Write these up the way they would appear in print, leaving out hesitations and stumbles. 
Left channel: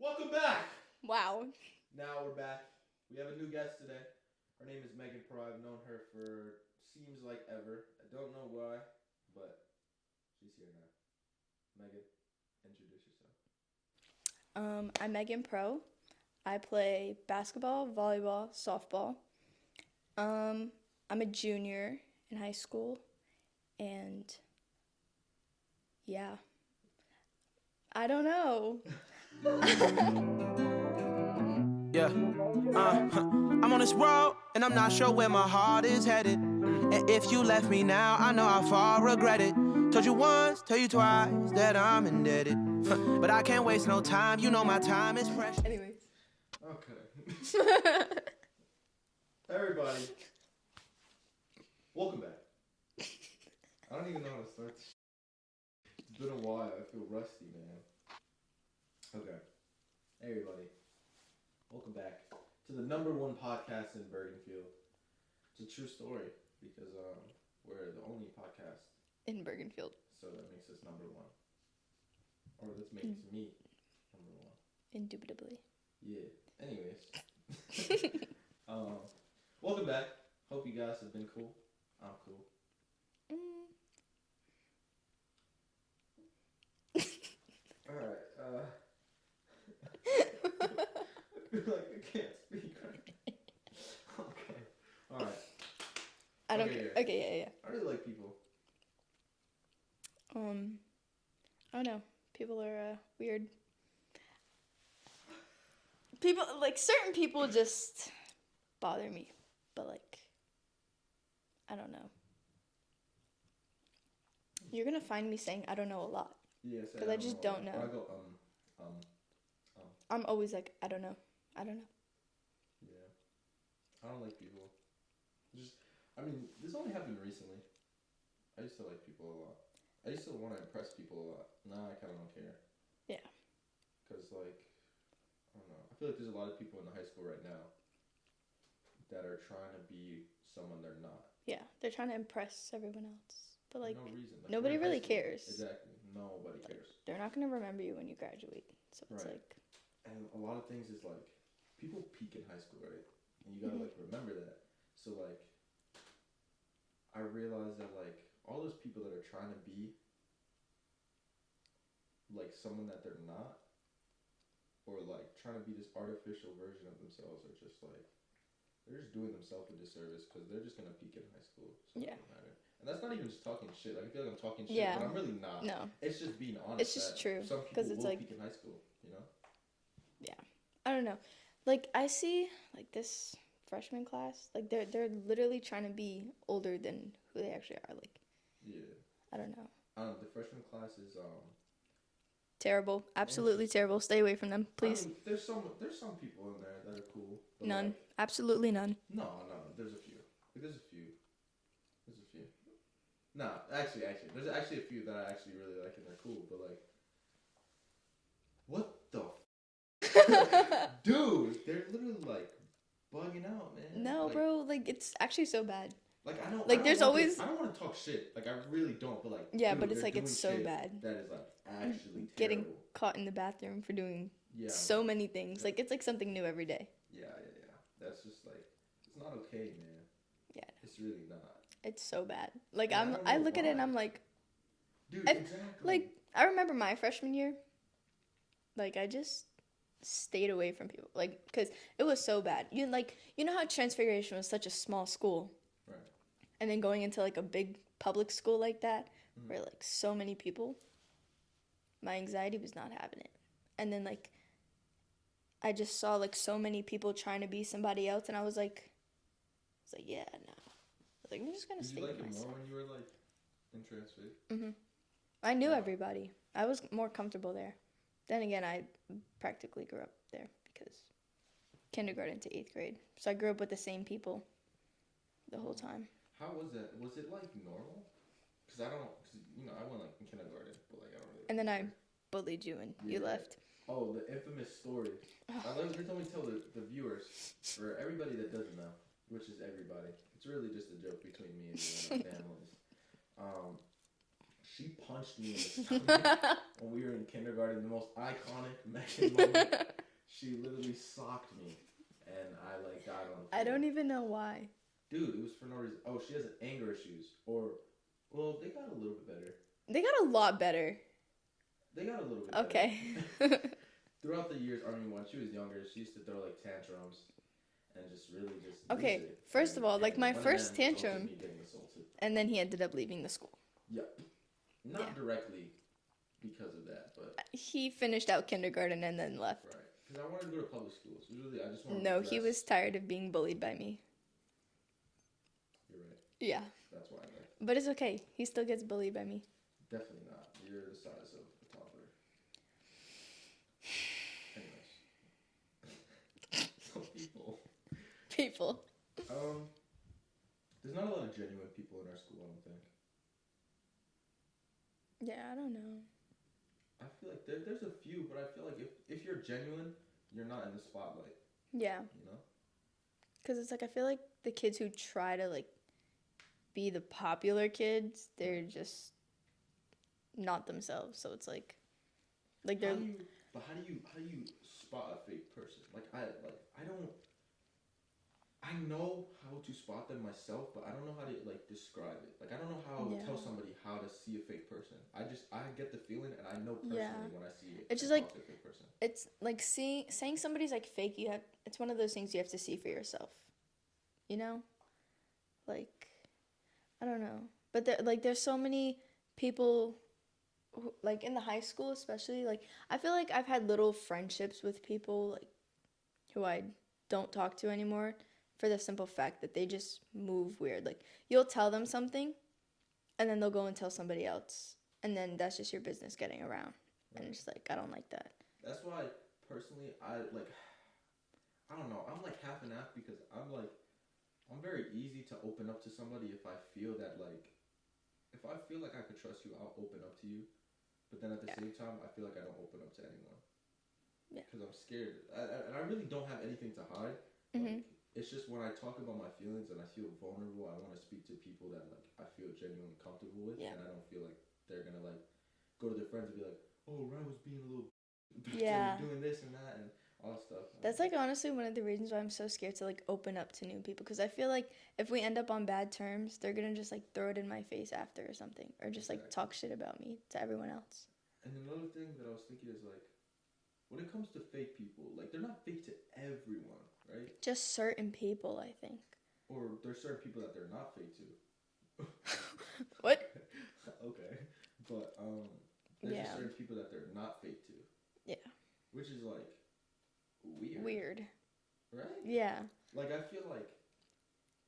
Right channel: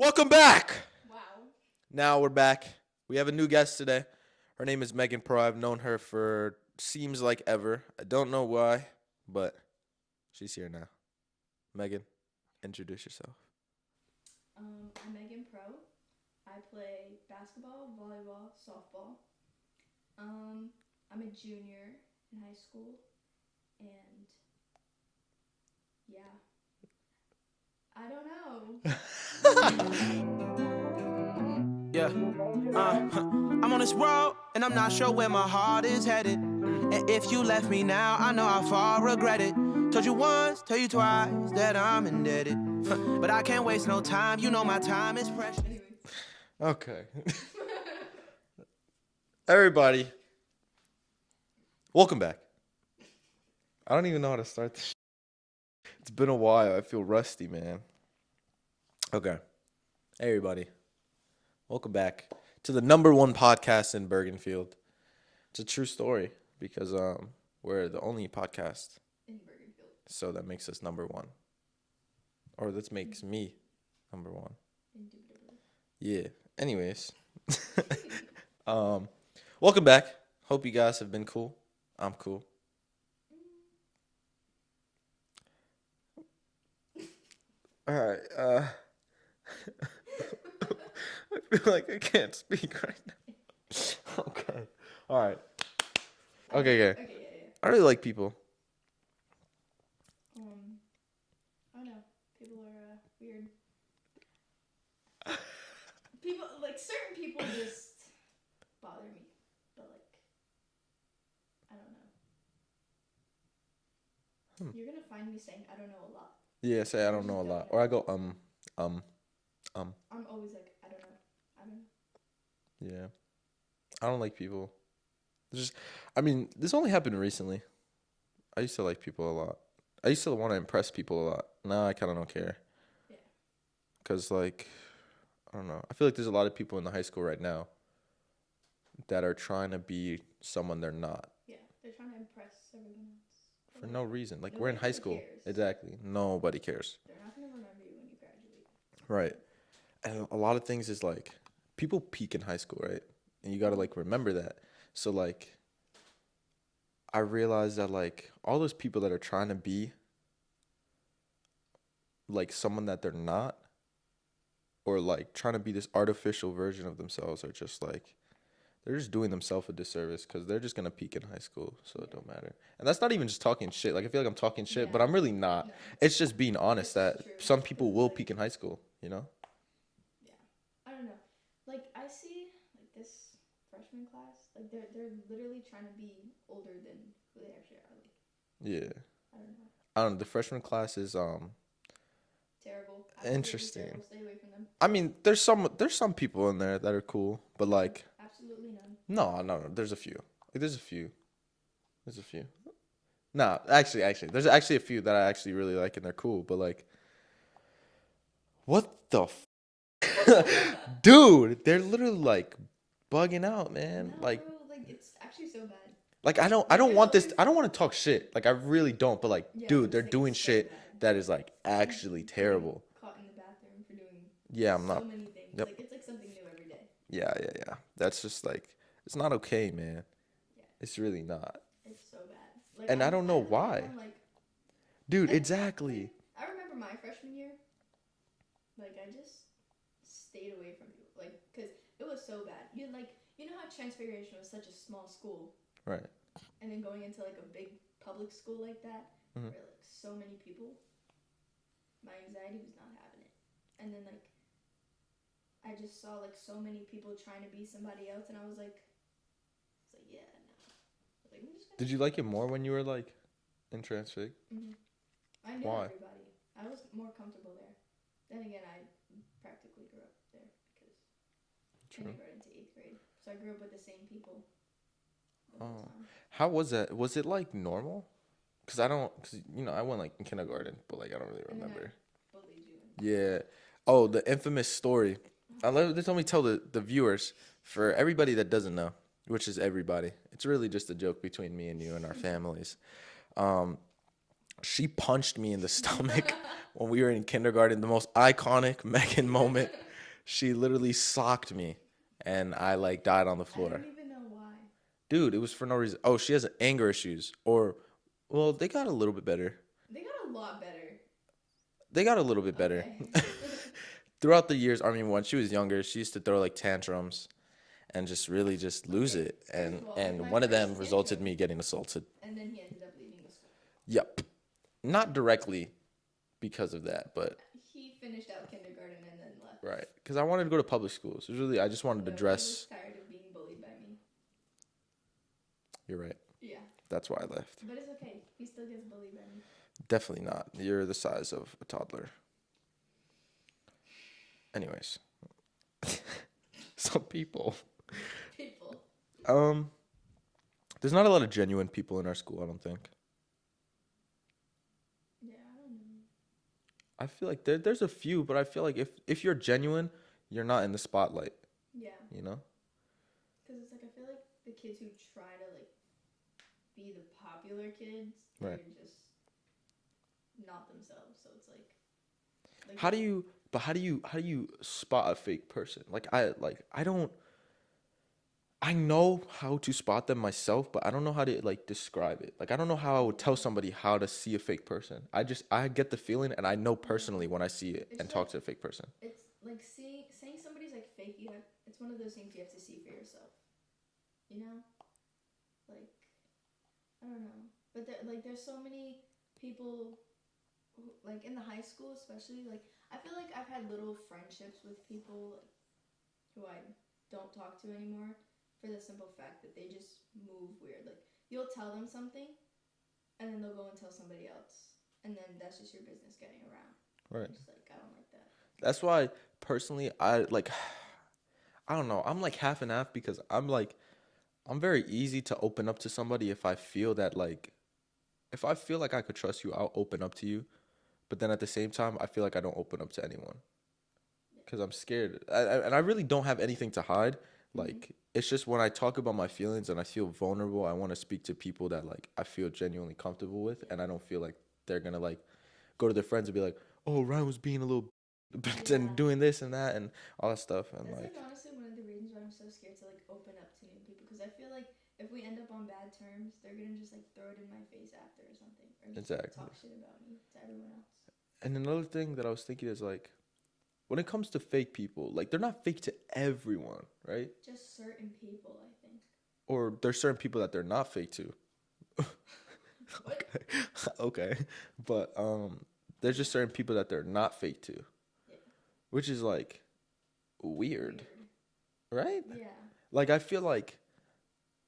Welcome back. Wow. Now we're back. We have a new guest today. Her name is Megan Pro. I've known her for seems like ever. I don't know why, but she's here now. Megan, introduce yourself. I'm Megan Pro. I play basketball, volleyball, softball. I'm a junior in high school, and yeah, I don't know. Yeah. I'm on this road, and I'm not sure where my heart is headed. And if you left me now, I know how far I regret it. Told you once, tell you twice that I'm indebted. But I can't waste no time, you know my time is precious. Anyways. Okay. Everybody, welcome back. I don't even know how to start this. It's been a while. I feel rusty, man. Okay. Hey, everybody. Welcome back to the #1 podcast in Bergenfield. It's a true story because we're the only podcast, In Bergenfield. so that makes us #1. Or that makes me #1. Indubitably. Yeah. Anyways. Welcome back. Hope you guys have been cool. I'm cool. All right. I feel like I can't speak right now. Okay. All right. Okay. Okay, yeah. I really like people. I don't know. People are weird. People, like, certain people just bother me. But, like, I don't know. You're gonna find me saying I don't know a lot. Yeah, say I I don't just know a don't lot. know. Or I go I'm always like, I don't know. Yeah. I don't like people. This only happened recently. I used to like people a lot. I used to want to impress people a lot. Now I kind of don't care. Yeah. Because, like, I don't know. I feel like there's a lot of people in the high school right now that are trying to be someone they're not. Yeah, they're trying to impress everyone else. But, For like, no reason. Like, we're nobody in high really school. cares. Exactly. Nobody cares. They're not gonna remember you when you graduate. So it's Right. like, And a lot of things is, like, people peak in high school, right? And you got to, like, remember that. So, like, I realized that, like, all those people that are trying to be, like, someone that they're not, or, like, trying to be this artificial version of themselves are just, like, they're just doing themselves a disservice because they're just going to peak in high school, so it Yeah. don't matter. And that's not even just talking shit. Like, I feel like I'm talking shit, but Yeah. I'm really not. no. It's just being honest It's just that true, some 'cause people it's will like- peak in high school, you know? Yeah. I don't know. Like, I see, like, this freshman class, like, they're literally trying to be older than who they actually are. Like, Yeah. I don't know. I don't know. The freshman class is Terrible. Absolutely Interesting. terrible. Stay away from them. I Please. mean, there's some people in there that are cool, but None. like Absolutely none. no, there's a few. Like, there's a few. No, actually, there's actually a few that I actually really like and they're cool, but like, what the dude? They're literally like bugging out, man. No, like, bro. Like, it's actually so bad. like I don't Like, want there's this. I don't want to talk shit. Like, I really don't. But like, Yeah, dude, but it's they're like, doing it's so shit bad. that is like actually Getting terrible. Caught in the bathroom for doing Yeah, I'm so not. many things. Yep. Like, it's like something new every day. Yeah. That's just like it's not okay, man. Yeah. It's really not. It's so bad. Like, And I don't know I look at it why. and I'm like, Dude, I- exactly. like, I remember my freshman year. Like, I just stayed away from people. Like, because it was so bad. You know how Transfiguration was such a small school, Right. and then going into like a big public school like that, Mhm. where like so many people, my anxiety was not having it. And then like, I just saw like so many people trying to be somebody else, and I was like, yeah, no. Like, I'm just gonna. Did you stay like to it more myself. when you were like in Transfig? I knew Why? everybody. I was more comfortable there. Then again, I practically grew up there because kindergarten to 8th grade. So I grew up with the same people the whole Oh. time. How was that? Was it like normal? Cause I went like in kindergarten, but like I don't really And then remember. I bullied you and you Yeah. left. Oh, the infamous story. Let me tell the viewers, for everybody that doesn't know, which is everybody. It's really just a joke between me and you and our families. She punched me in the stomach when we were in kindergarten. The most iconic Megan moment. She literally socked me, and I like died on the I floor. don't even know why. Dude, it was for no reason. Oh, she has anger issues, or well, they got a little bit better. They got a lot better. They got a little bit better. Okay. Throughout the years, I mean, when she was younger, she used to throw like tantrums and just really just lose Okay, it. first of all, like, my one of first them resulted in tantrum- me getting assaulted. And then he ended up leaving the school. Yep. Not directly because of that, but He finished out kindergarten and then left. right. Because I wanted to go to public schools. It was really, I just wanted No, to dress. he was tired of being bullied by me. You're right. Yeah. That's why I left. But it's okay. He still gets bullied by me. Definitely not. You're the size of a toddler. Anyways. Some people. People. There's not a lot of genuine people in our school, I don't think. Yeah, I don't know. I feel like there's a few, but I feel like if you're genuine, you're not in the spotlight, Yeah. you know? Because it's like, I feel like the kids who try to, like, be the popular kids, they're Right. just not themselves. So it's like How do you spot a fake person? I know how to spot them myself, but I don't know how to like describe it. Like I don't know how I would tell Yeah. somebody how to see a fake person. I get the feeling and I know personally Yeah. when I see it It's and just talk like- to a fake person. It's like saying somebody's like fake. It's one of those things you have to see for yourself. You know, like I don't know, but there's so many people, who, like in the high school especially. Like I feel like I've had little friendships with people like who I don't talk to anymore for the simple fact that they just move weird. Like you'll tell them something, and then they'll go and tell somebody else, and then that's just your business getting around. And Right. it's just like I don't like that. That's why personally I don't know. I'm like half and half because I'm very easy to open up to somebody if I feel like I could trust you, I'll open up to you. But then at the same time, I feel like I don't open up to anyone. Yeah. Because I'm scared. And I really don't have anything to hide. Like, it's just when I talk about my feelings and I feel vulnerable, I want to speak to people that, like, I feel genuinely comfortable with. Yeah. And I don't feel like they're going to, like, go to their friends and be like, oh, Ryan was being a little Yeah. and doing this and that and all that stuff. And That's like honestly one of the reasons why I'm so scared to like open up to new people, because I feel like if we end up on bad terms, they're gonna just like throw it in my face after or something, or just like Exactly. talk shit about me to everyone else. And another thing that I was thinking is, like, when it comes to fake people, like, they're not fake to everyone, right? Just certain people, I think. Or there's certain people that they're not fake to. What? Okay. But there's just Yeah. certain people that they're not fake to. Yeah. Which is, like, weird. Weird. Right? Yeah. Like, I feel like,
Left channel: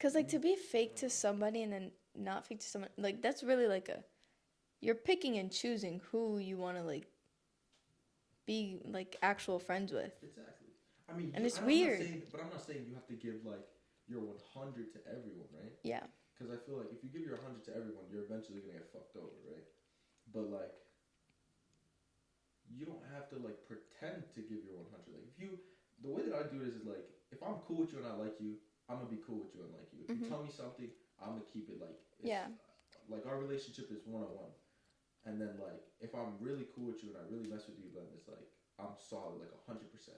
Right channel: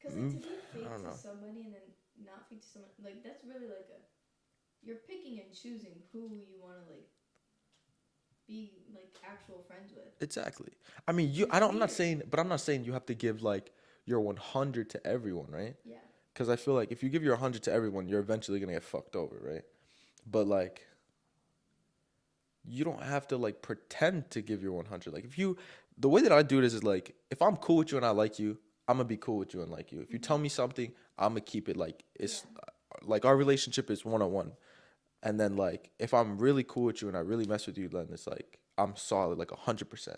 Cause like to be fake don't to know. somebody and then not fake to someone, like that's really like you're picking and choosing who you want to like be like actual friends with. exactly. I mean, it's I'm not weird. saying, but I'm not saying you have to give, like, your 100 to everyone, right? Yeah. Because I feel like if you give your 100 to everyone, you're eventually going to get fucked over, right? But, like, you don't have to, like, pretend to give your 100. Like, the way that I do it is like, if I'm cool with you and I like you, I'm going to be cool with you and like you. If you tell me something, I'm going to keep it, like, it's, like, our relationship is one-on-one. And then, like, if I'm really cool with you and I really mess with you, then it's, like, I'm solid, like, 100%.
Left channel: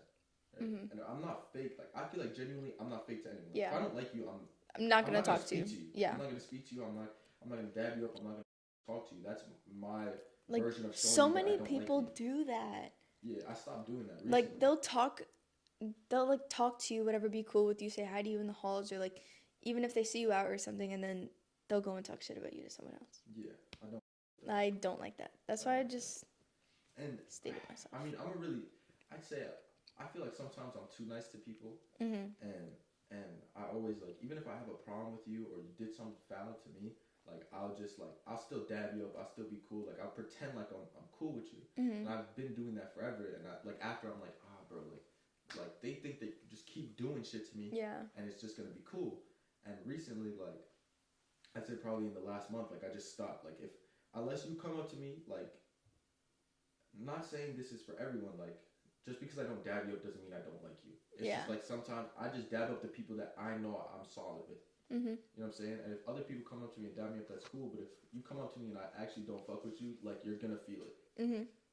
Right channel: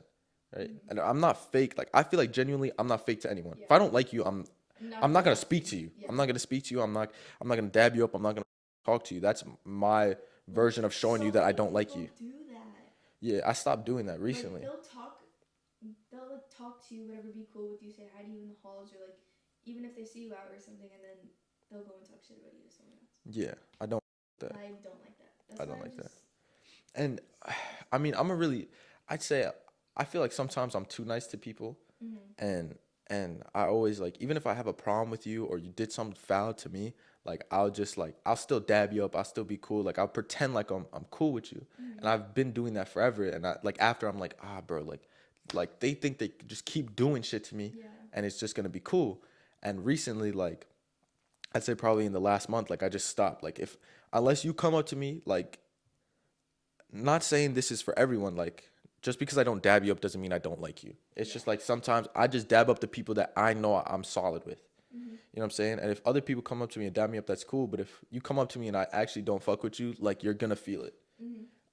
Right? And I'm not fake. Like, I feel like genuinely, I'm not fake to anyone. Yeah. If I don't like you, I'm not gonna talk speak to you. Yeah. I'm not gonna speak to you. I'm not gonna dab you up. I'm not gonna talk to you. That's my Like, version of showing so you that I many don't like you. people do that. Yeah, I stopped doing that recently. Like they'll like talk to you, whatever, be cool with you, say hi to you in the halls, or like even if they see you out or something, and then they'll go and talk shit about you to someone else. Yeah, I don't. That. I don't like that. That's I why don't I like that. just And I mean, I'd say I feel like sometimes I'm too nice to people, and I always, like, even if I have a problem with you or you did something foul to me, like, I'll still dab you up. I'll still be cool. Like, I'll pretend like I'm cool with you. And I've been doing that forever. And after I'm like, bro, like they think they could just keep doing shit to me. Yeah. And it's just going to be cool. And recently, like, I'd say probably in the last month, like, I just stopped. Like, unless you come up to me, like, not saying this is for everyone, like, just because I don't dab you up doesn't mean I don't like you. It's just Yeah. like sometimes I just dab up the people that I know I'm solid with. You know what I'm saying? And if other people come up to me and dab me up, that's cool. But if you come up to me and I actually don't fuck with you, like, you're gonna feel it.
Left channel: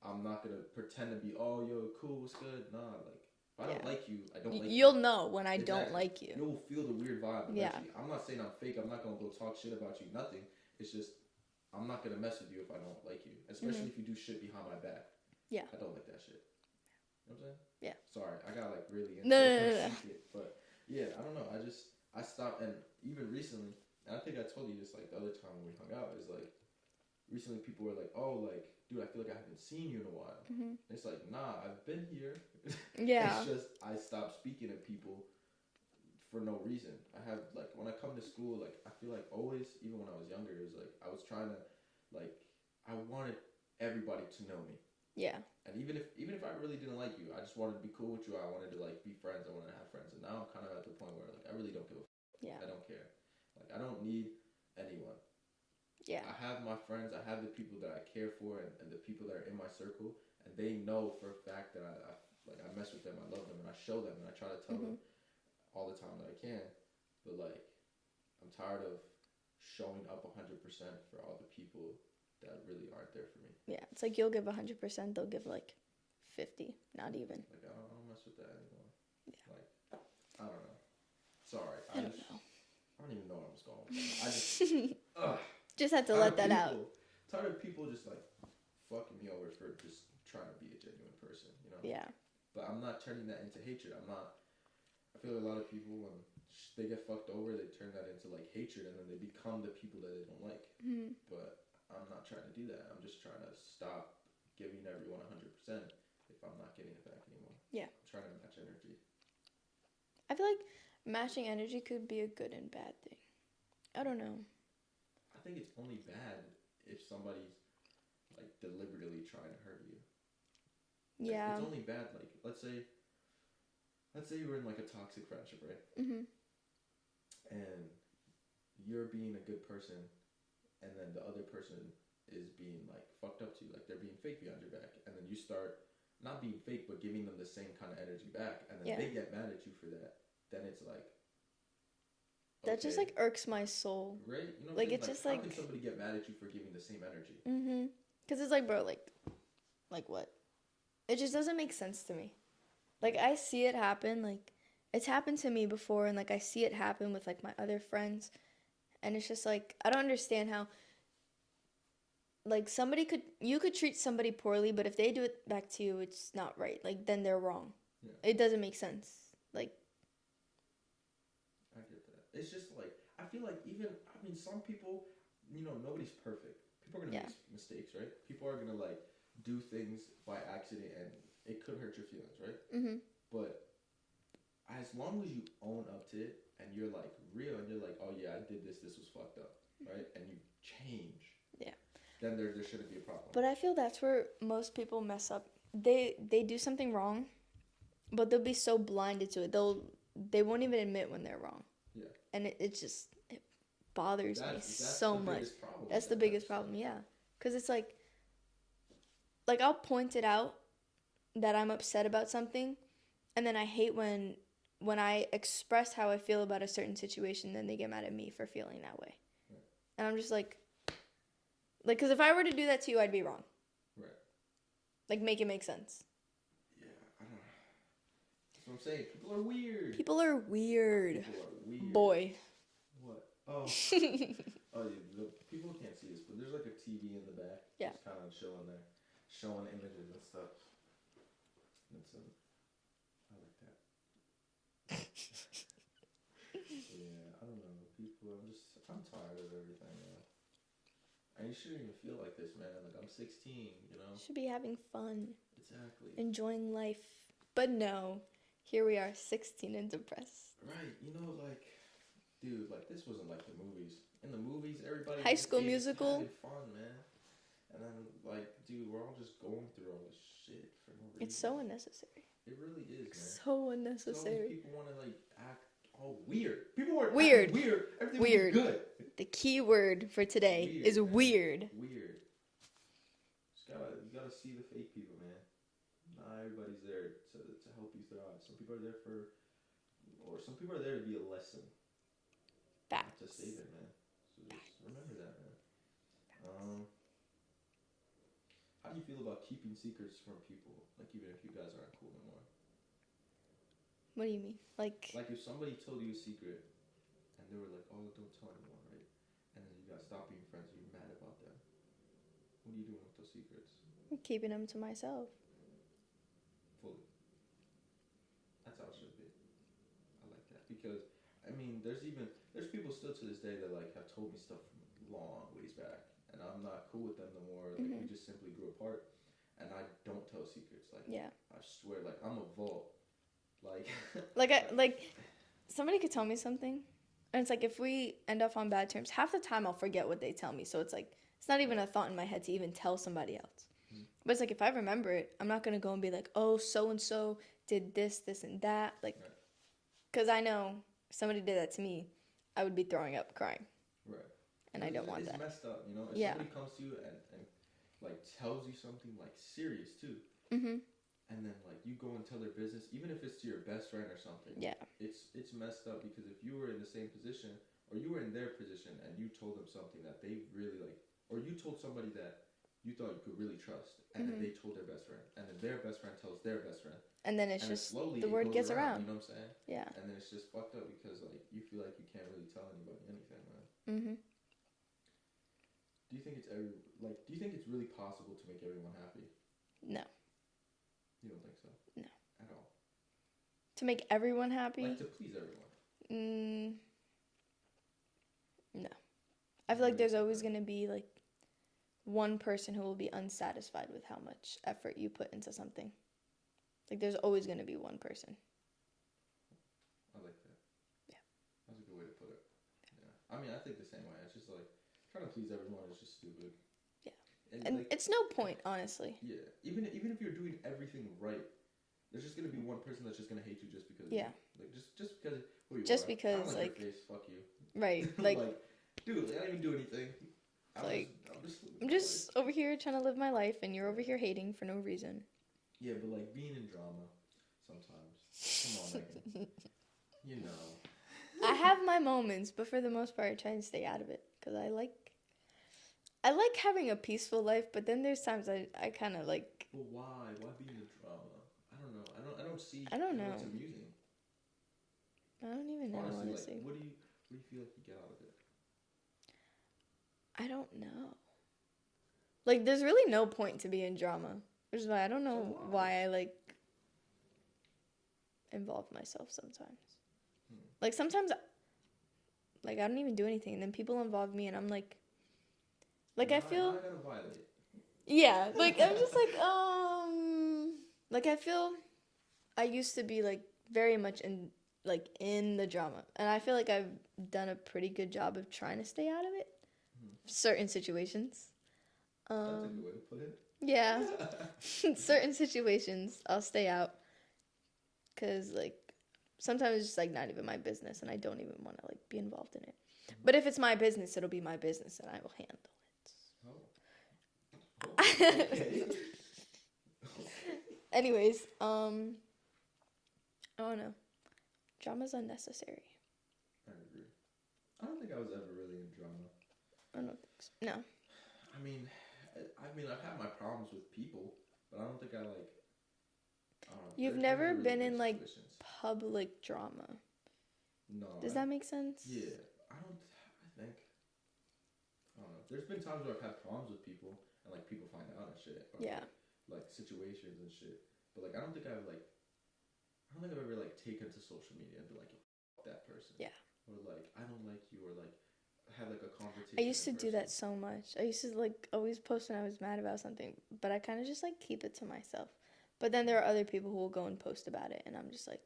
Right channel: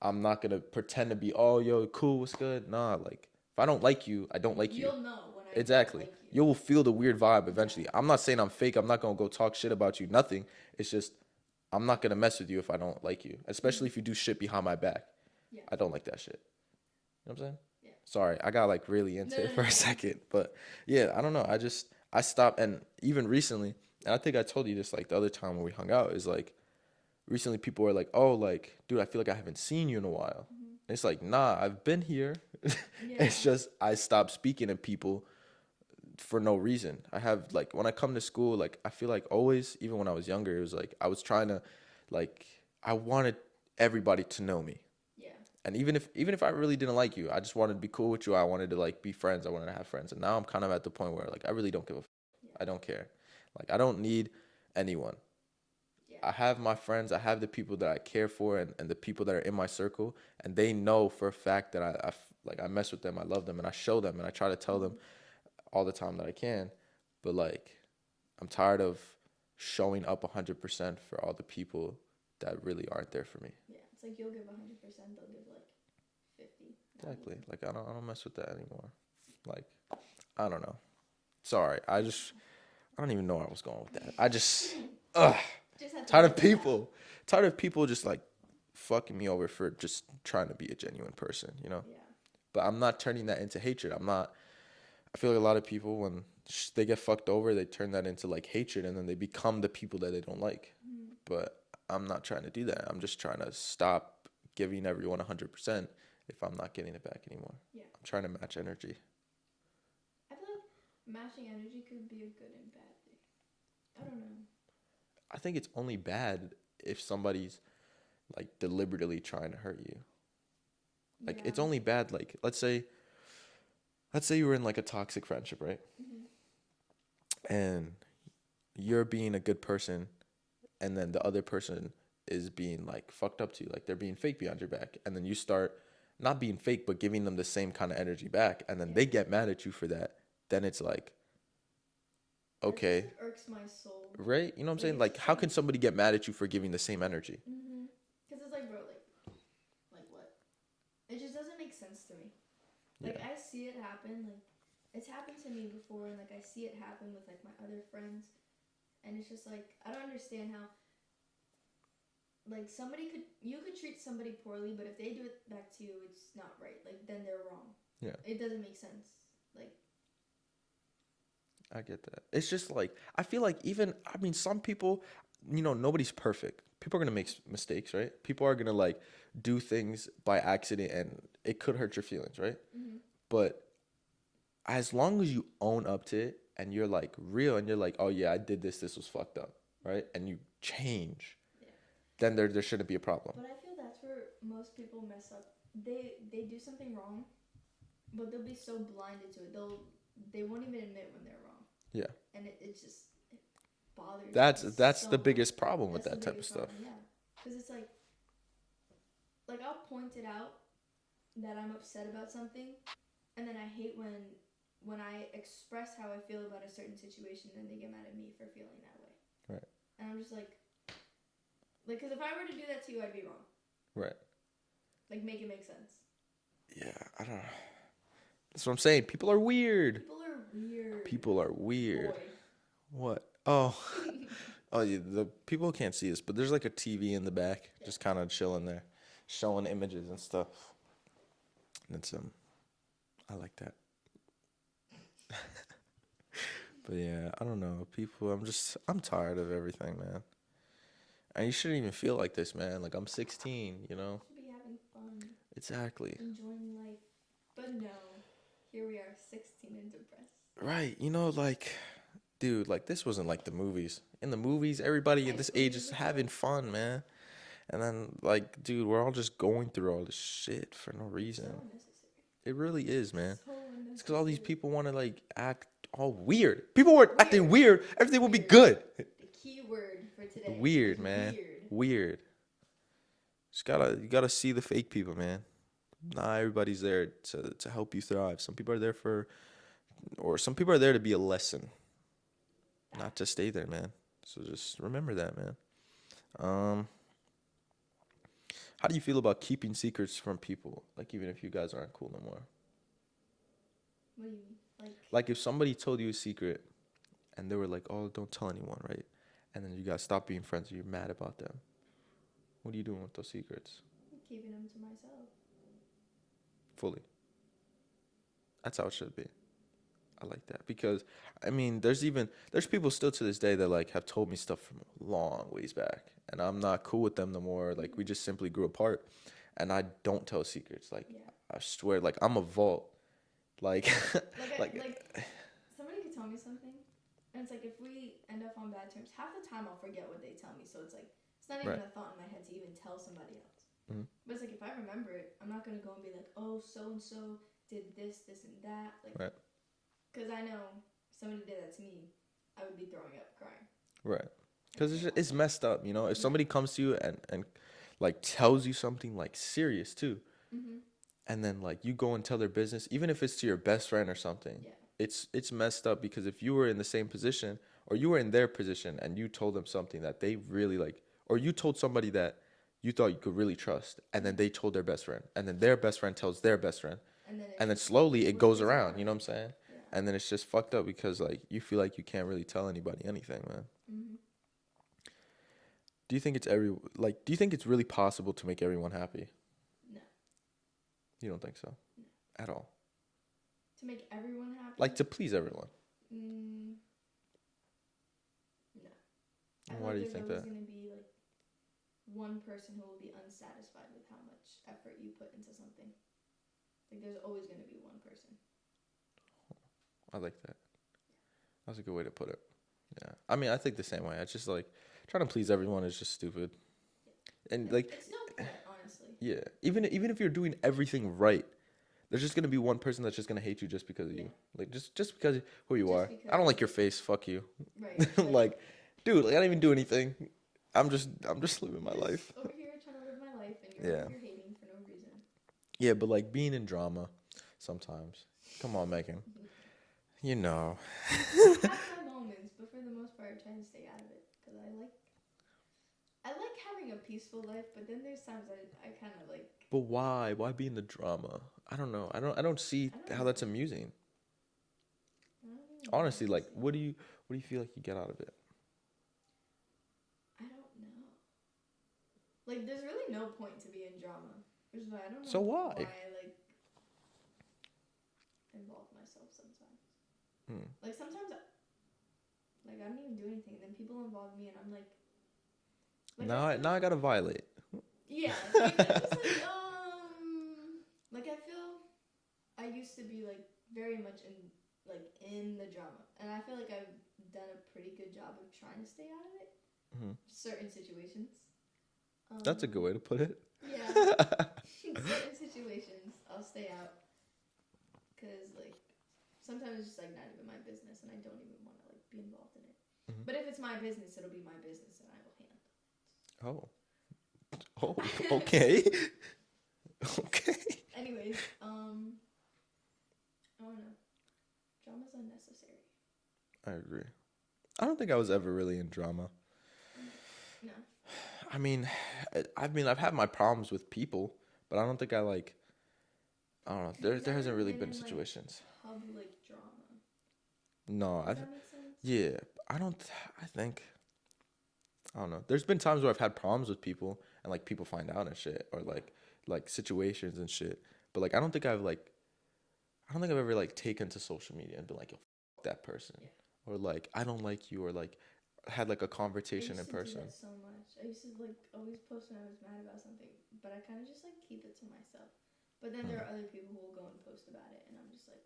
I'm not gonna pretend to be, oh, yo, cool, what's good? Nah, like, if I don't like you, I don't like you. You'll know when I don't like you. You will feel the weird vibe eventually. I'm not saying I'm fake. I'm not gonna go talk shit about you. Nothing. It's just I'm not gonna mess with you if I don't like you, especially if you do shit behind my back. Yeah. I don't like that shit. You know what I'm saying? Yeah. Sorry, I got like really into it for a second, but yeah, I don't know. I stopped, and even recently, and I think I told you this like the other time when we hung out, is like recently people were like, oh, like, dude, I feel like I haven't seen you in a while. And it's like, nah, I've been here. Yeah. It's just I stopped speaking to people for no reason. I have, like, when I come to school, like, I feel like always, even when I was younger, it was like I was trying to, like, I wanted everybody to know me. Yeah. And even if I really didn't like you, I just wanted to be cool with you. I wanted to, like, be friends. I wanted to have friends. And now I'm kind of at the point where, like, I really don't give a fuck. Yeah. I don't care. Like, I don't need anyone. Yeah. I have my friends. I have the people that I care for, and the people that are in my circle. And they know for a fact that I mess with them. I love them. And I show them. And I try to tell them all the time that I can. But, like, I'm tired of showing up 100% for all the people that really aren't there for me. Yeah, it's like you'll give 100%, they'll give like 50, not Exactly. even. Like, I don't mess with that anymore. Yeah. Like, I don't know. Sorry, I don't even know where I was going with that. I just just had to tired let of that people. out. Tired of people just like fucking me over for just trying to be a genuine person, you know? Yeah. But I'm not turning that into hatred. I feel like a lot of people, when they get fucked over, they turn that into like hatred, and then they become the people that they don't like. But I'm not trying to do that. I'm just trying to stop giving everyone 100% if I'm not getting it back anymore. Yeah. I'm trying to match energy. I feel like matching energy could be a good and bad thing. I don't know. I think it's only bad if somebody's like deliberately trying to hurt you. Like, Yeah. it's only bad, like, let's say you were in like a toxic friendship, right? And you're being a good person, and then the other person is being like fucked up to you, like they're being fake behind your back, and then you start not being fake but giving them the same kind of energy back, and then they get mad at you for that. Then it's like, okay, that just like irks my soul, right? You know what I'm saying? Like, how can somebody get mad at you for giving the same energy? Because it's like, bro, like what? It just doesn't make sense to me. Like, I see it happen, like it's happened to me before, and like I see it happen with like my other friends. And it's just like, I don't understand how, like, you could treat somebody poorly, but if they do it back to you, it's not right. Like, then they're wrong. Yeah. It doesn't make sense. Like, I get that. It's just like, I feel like some people, nobody's perfect. People are going to make mistakes, right? People are going to, like, do things by accident, and it could hurt your feelings, right? But as long as you own up to it, and you're like real, and you're like, oh yeah, I did this was fucked up, right? And you change, then there shouldn't be a problem. But I feel that's where most people mess up. They do something wrong, but they'll be so blinded to it, they won't even admit when they're wrong. Yeah. And it bothers me that's so the much. biggest problem with that's that the biggest type of problem. stuff. Yeah, because it's like I'll point it out that I'm upset about something, and then I hate when I express how I feel about a certain situation, then they get mad at me for feeling that way. Right. And I'm just like, because if I were to do that to you, I'd be wrong. Right. Like, make it make sense. Yeah, I don't know. That's what I'm saying. People are weird. People are weird. Boy. What? Oh. Oh, yeah, the people can't see this, but there's like a TV in the back, just kind of chilling there, showing images and stuff. And it's I like that. But yeah, I don't know. People, I'm tired of everything, man. And you shouldn't even feel like this, man. Like, I'm 16, you know? Should be having fun. Exactly. Enjoying life. But no, here we are, 16 and depressed. Right. Like, dude, like, this wasn't like the movies. In the movies, everybody at this age is having fun, man. And then, like, dude, we're all just going through all this shit for no reason. It's so unnecessary. It really is, man. So unnecessary. Because all these people want to, like, act all weird. People were acting weird. Everything would be good. The key word for today weird, is man. weird. Weird. You gotta see the fake people, man. Not everybody's there to help you thrive. Some people are there some people are there to be a lesson. not to stay there, man. So just remember that, man. Um, how do you feel about keeping secrets from people? Like, even if you guys aren't cool no more. What do you mean? Like, if somebody told you a secret and they were like, oh, don't tell anyone, right? And then you guys stop being friends and you're mad about them. What are you doing with those secrets? I'm keeping them to myself. Fully. That's how it should be. I like that. Because, I mean, there's people still to this day that, like, have told me stuff from a long ways back. And I'm not cool with them no more. Like, we just simply grew apart. And I don't tell secrets. Like, Yeah. I swear, like, I'm a vault. Like, like somebody could tell me something, and it's like if we end up on bad terms, half the time I'll forget what they tell me. So it's like it's not even Right. a thought in my head to even tell somebody else. Mhm. But it's like if I remember it, I'm not gonna go and be like, oh, so and so did this, this, and that. Like, Right. because I know if somebody did that to me, I would be throwing up, crying. Right. And I Because don't want it's that. messed up, you know? If Yeah. somebody comes to you and like, tells you something, like, serious, too. Mm-hmm. And then, like, you go and tell their business, even if it's to your best friend or something. Yeah. It's messed up because if you were in the same position or you were in their position and you told them something that they really, like, or you told somebody that you thought you could really trust, and then they told their best friend, and then their best friend tells their best friend, And then and then slowly the it word goes gets around, you know what I'm saying? Yeah. And then it's just fucked up because, like, you feel like you can't really tell anybody anything, man. Mm-hmm. Do you think it's do you think it's really possible to make everyone happy? No. You don't think so? No. At all. To make everyone happy. Like, to please everyone. No. I feel Why like do you there's think always that? going to be like one person who will be unsatisfied with how much effort you put into something. Like there's always going to be one person. I like that. Yeah. That's a good way to put it. Yeah. I mean, I think the same way. It's just like trying to please everyone is just stupid. Yeah. And And like, it's no point, honestly. yeah, even if you're doing everything right, there's just gonna be one person that's just gonna hate you just because of you. Yeah. Like, just because of who you Just are. because, I don't like your like- face. Fuck you. Right. Like, dude, like, I don't even do anything. I'm Like, just living I'm my just life. over here trying to live my life, and you're over Yeah. here hating for no reason. Yeah, but like being in drama, sometimes. Come on, Megan. You know. I have my moments, but for the most part, I try and stay out of it because I like having a peaceful life. But then there's times I kind of like. But why? Why be in the drama? I don't know. I don't see I don't how that's know. amusing. I don't even know, Honestly, like, honestly. what do you feel like you get out of it? I don't know. Like, there's really no point to be in drama, which is why I don't know So why? I like involve myself sometimes. Hmm. Like sometimes, like I don't even do anything, and then people involve me, and I'm like Now I gotta violate. yeah, like I'm just like I feel I used to be like very much in the drama, and I feel like I've done a pretty good job of trying to stay out of it. Mhm. Certain situations. That's a good way to put it. Yeah. Certain situations I'll stay out because like sometimes it's just like not even my business, and I don't even want to like be involved in it. Mhm. But if it's my business, it'll be my business, and I will handle it. Oh, okay. Okay. Anyways, I don't know. Drama's unnecessary. I agree. I don't think I was ever really in drama. No. I mean, I've had my problems with people, but I don't think I don't know. You've There never hasn't really been been in like situations. public drama. No. Does that make sense? Yeah, I don't know. There's been times where I've had problems with people and like people find out and shit, or Yeah. like situations and shit. But like I don't think I've ever like taken to social media and been like, yo, fuck that person. Yeah. Or like, I don't like you, or like had like a conversation I used to in person. do that so much. I used to like always post when I was mad about something, but I kind of just like keep it to myself. But then there are other people who will go and post about it, and I'm just like,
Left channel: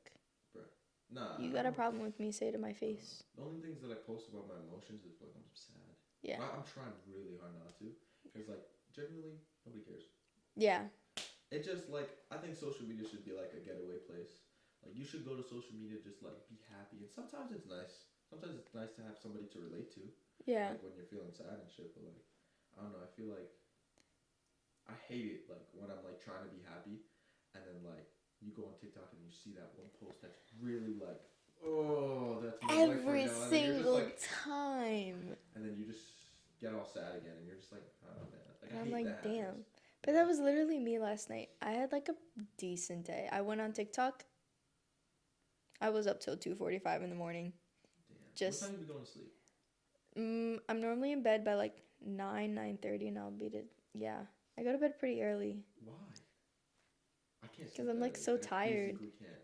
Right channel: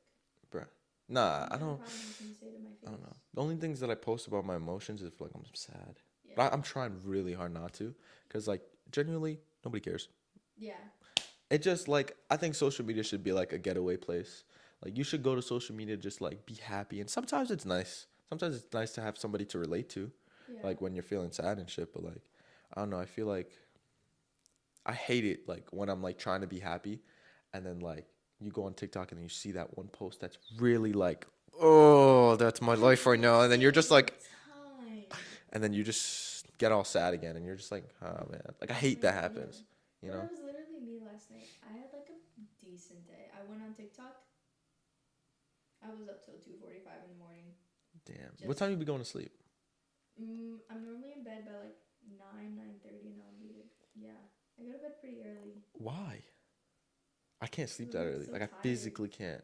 Bruh. Nah, you I got a don't. problem with me, say it to my I face. don't know. The only things that I post about my emotions is if like I'm sad. Yeah. But I'm trying really hard not to, because like genuinely nobody cares. Yeah. It just like I think social media should be like a getaway place. Like you should go to social media just like be happy, and sometimes it's nice. Sometimes it's nice to have somebody to relate to, Yeah. like when you're feeling sad and shit. But like I don't know, I feel like I hate it like when I'm like trying to be happy, and then like you go on TikTok and you see that one post that's really like oh, that's my life right Every now. And then you're just single like, time. and then you just get all sad again, and you're just like, oh man, like I was hate like, that damn. happens. You But know? that was literally me last night. I had like a decent day. I went on TikTok. I was up till 2:45 in the morning. Damn. What time you be going to sleep? I'm normally in bed by like 9:30, and I'll be to yeah. I go to bed pretty early. Why? I can't sleep I'm that like early. so Like I tired. physically can't.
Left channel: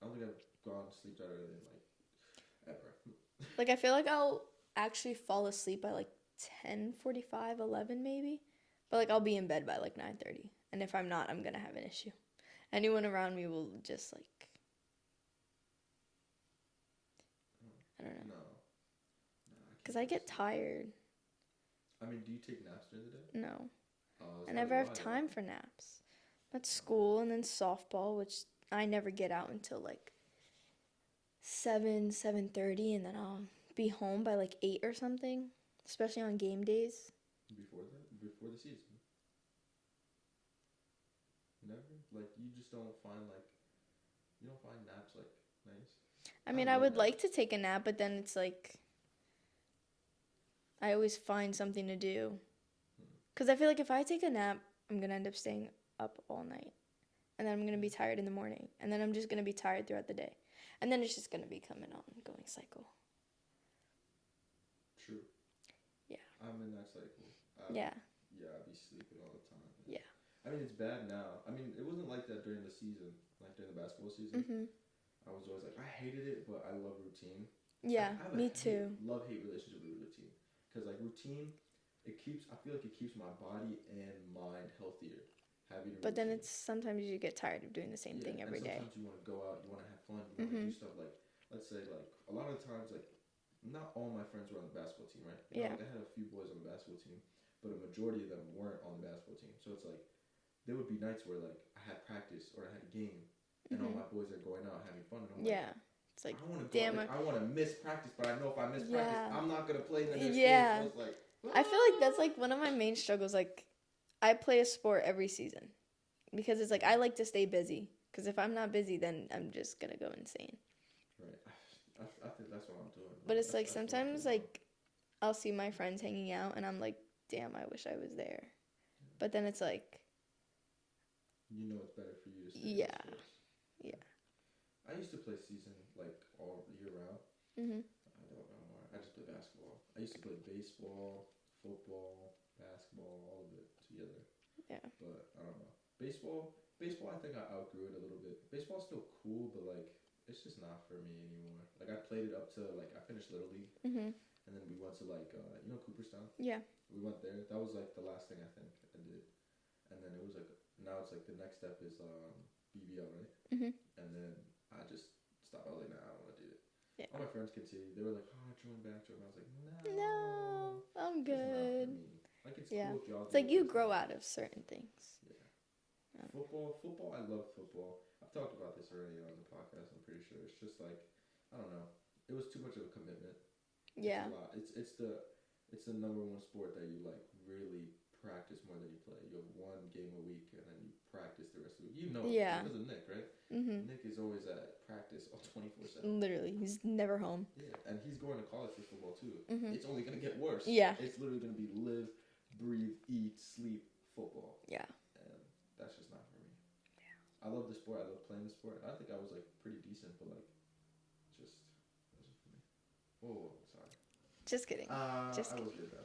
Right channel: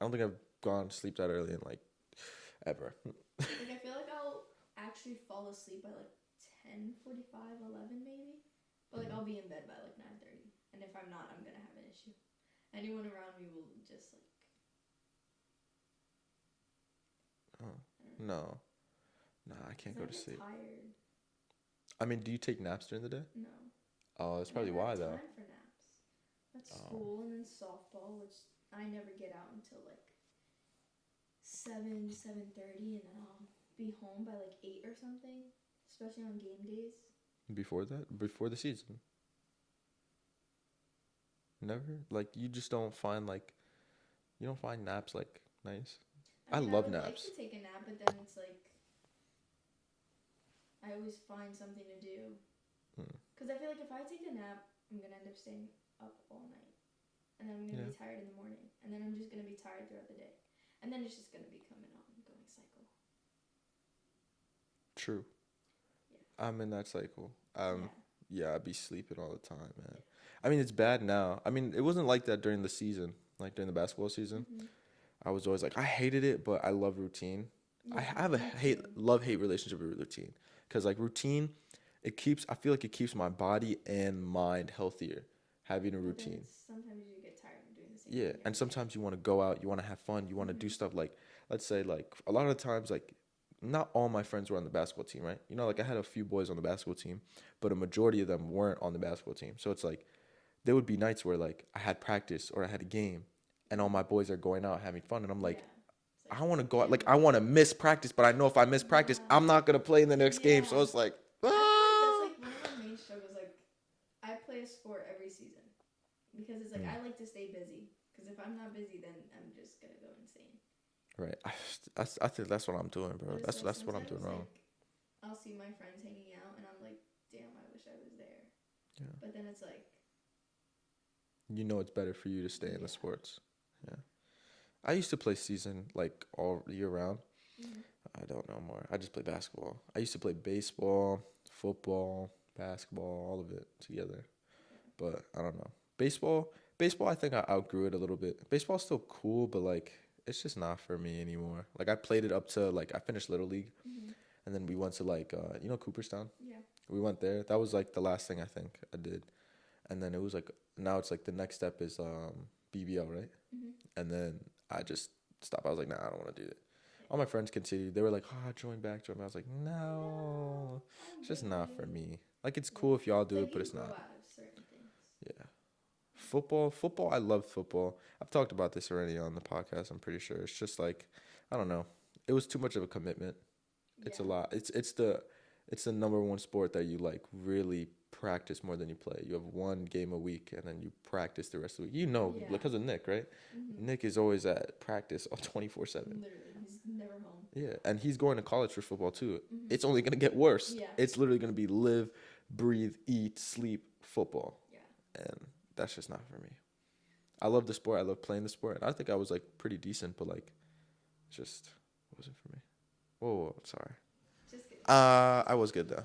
I don't think I've gone to sleep that early in like ever. Like I feel like I'll actually fall asleep by like 10:45, 11 maybe. But like I'll be in bed by like 9:30. And if I'm not, I'm going to have an issue. Anyone around me will just like I don't know. No. Nah, I can't. Cuz I get tired. I mean, do you take naps during the day? No. Oh, that's I probably never why have though. time for naps. That's school and then softball, which I never get out until like 7:30, and then I'll be home by like 8 or something, especially on game days. Before that? Before the season? Never? Like you just don't find like you don't find naps like nice? I mean, I love would like to naps. take a nap, but then it's like I always find something to do. Because I feel like if I take a nap, I'm going to end up staying up all night. And then I'm going to be tired in the morning. And then I'm just going to be tired throughout the day. And then it's just going to become an ongoing cycle. True. Yeah. I'm in that cycle. Yeah. Yeah, I be sleeping all the time, man. Yeah. I mean, it's bad now. I mean, it wasn't like that during the season, like during the basketball season. Mm-hmm. I was always like, I hated it, but I love routine. Yeah, I have a me too. love-hate relationship with routine. Because, like, routine, I feel like it keeps my body and mind healthier, having a But routine. then it's sometimes you get tired of doing the same Yeah, thing every and sometimes you want to go out, you want to have fun, you want to do stuff like, let's say, like, a lot of the times, like, not all my friends were on the basketball team, right? You know, like, I had a few boys on the basketball team, but a majority of them weren't on the basketball team. So it's like, there would be nights where, like, I had practice or I had a game, and all my boys are going out having fun, and I'm like, It's like I want to go out. damn, Like, I want to miss practice, but I know if I miss practice, Yeah. I'm not going to play in the next game. So Yeah. it's like, I feel like that's like one of my main struggles. Like, I play a sport every season because it's like I like to stay busy. Because if I'm not busy, then I'm just gonna go insane. right. I think that's what I'm doing, bro. But it's that's, like that's what I'm doing sometimes wrong. like I'll see my friends hanging out, and I'm like, damn, I wish I was there. Yeah. But then it's like, You know it's better for you to stay in Yeah. the sports. Yeah. I used to play season, like, all year round. mm-hmm. I don't know more. I just play basketball. I used to play baseball, football, basketball, all of it together. Yeah. But I don't know. Baseball, I think I outgrew it a little bit. Baseball's still cool, but like it's just not for me anymore. Like I played it up to like I finished Little League, and then we went to like you know Cooperstown. Yeah. We went there. That was like the last thing I think I did, and then it was like now it's like the next step is BBL, right? And then I just stopped. I was like, nah, I don't want to do it. Yeah. All my friends continued. They were like, oh, join back. I was like, no, I'm it's just not for good. me. Like it's Yeah. cool if y'all do It's like it. you but it's grow not. out of certain things. Yeah. Football. I love football. I've talked about this already on the podcast. I'm pretty sure. It's just like, I don't know. It was too much of a commitment. Yeah. It's a lot. It's the number one sport that you like really practice more than you play. You have one game a week and then you practice the rest of the week. You know, Yeah. because of Nick, right? Nick is always at practice 24/7. Literally, he's never home. Yeah, and he's going to college for football too. It's only gonna get worse. Yeah. It's literally gonna be live, breathe, eat, sleep, football. Yeah. And that's just not for me. I love the sport. I love playing the sport. I think I was like pretty decent, but like, just wasn't for me. Whoa, sorry. Just kidding. I was good though.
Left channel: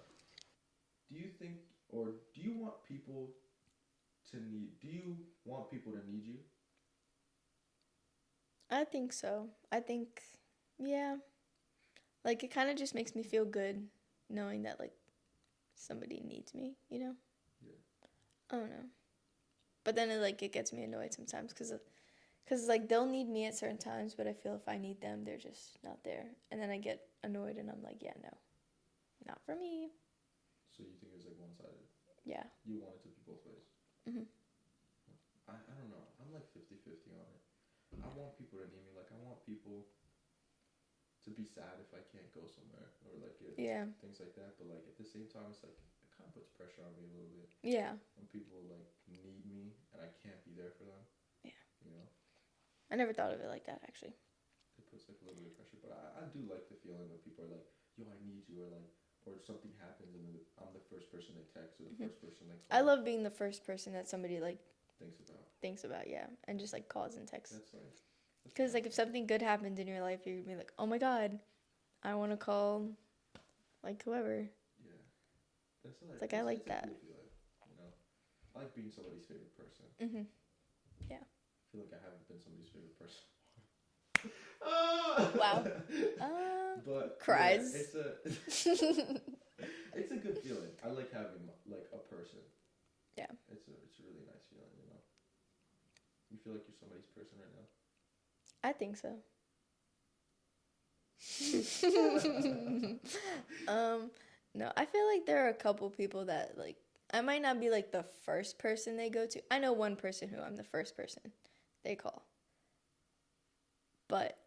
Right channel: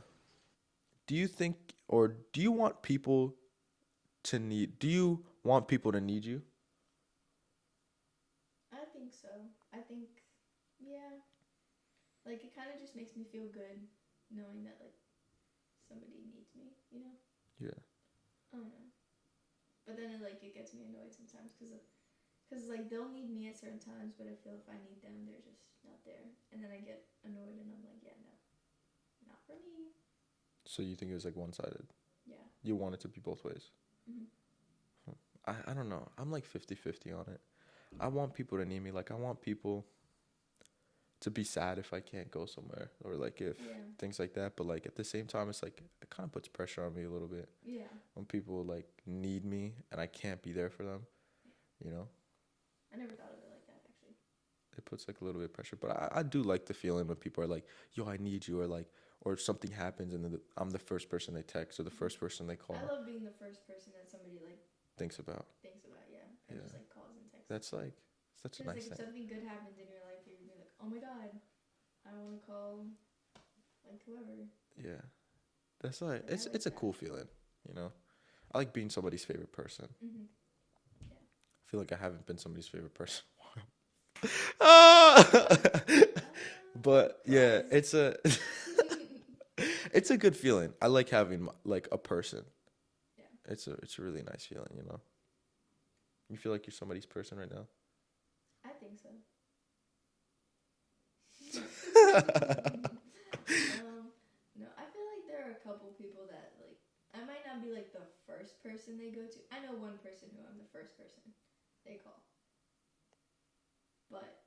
Do you think, or do you want people to need? Do you want people to need you? I think so. I think, yeah. Like, it kind of just makes me feel good knowing that, like, somebody needs me, you know? Yeah. I don't know. But then, it gets me annoyed sometimes because, like, they'll need me at certain times, but I feel if I need them, they're just not there. And then I get annoyed and I'm like, yeah, no, not for me. So you think it was like one-sided? Yeah. You want it to be both ways? Mhm. I don't know. I'm like 50-50 on it. I want people to need me. Like, I want people to be sad if I can't go somewhere or like if things like that. But like at the same time, it's like it kind of puts pressure on me a little bit. Yeah. When people like need me and I can't be there for them. Yeah. You know? I never thought of it like that, actually. it puts like a little bit of pressure. But I do like the feeling when people are like, "Yo, I need you," or like, or something happens and then I'm the first person they text or the first person they call. I love being the first person that somebody like thinks about. Yeah, and just like calls and texts. That's like such a Because nice like if thing. something good happens in your life, you'd be like, oh my god, I want to call like whoever. Yeah, that's like, Like, I like it's a that. cool feeling, you know. I like being somebody's favorite person. Yeah. I feel like I haven't been somebody's favorite person. Ah! Wow. But Cries. yeah, it's a it's a good feeling. I like having like a person. Yeah. It's a really nice feeling, you know. You feel like you're somebody's person right now? I think so. No, I feel like there are a couple people that like I might not be like the first person they go to. I know one person who I'm the first person they call. But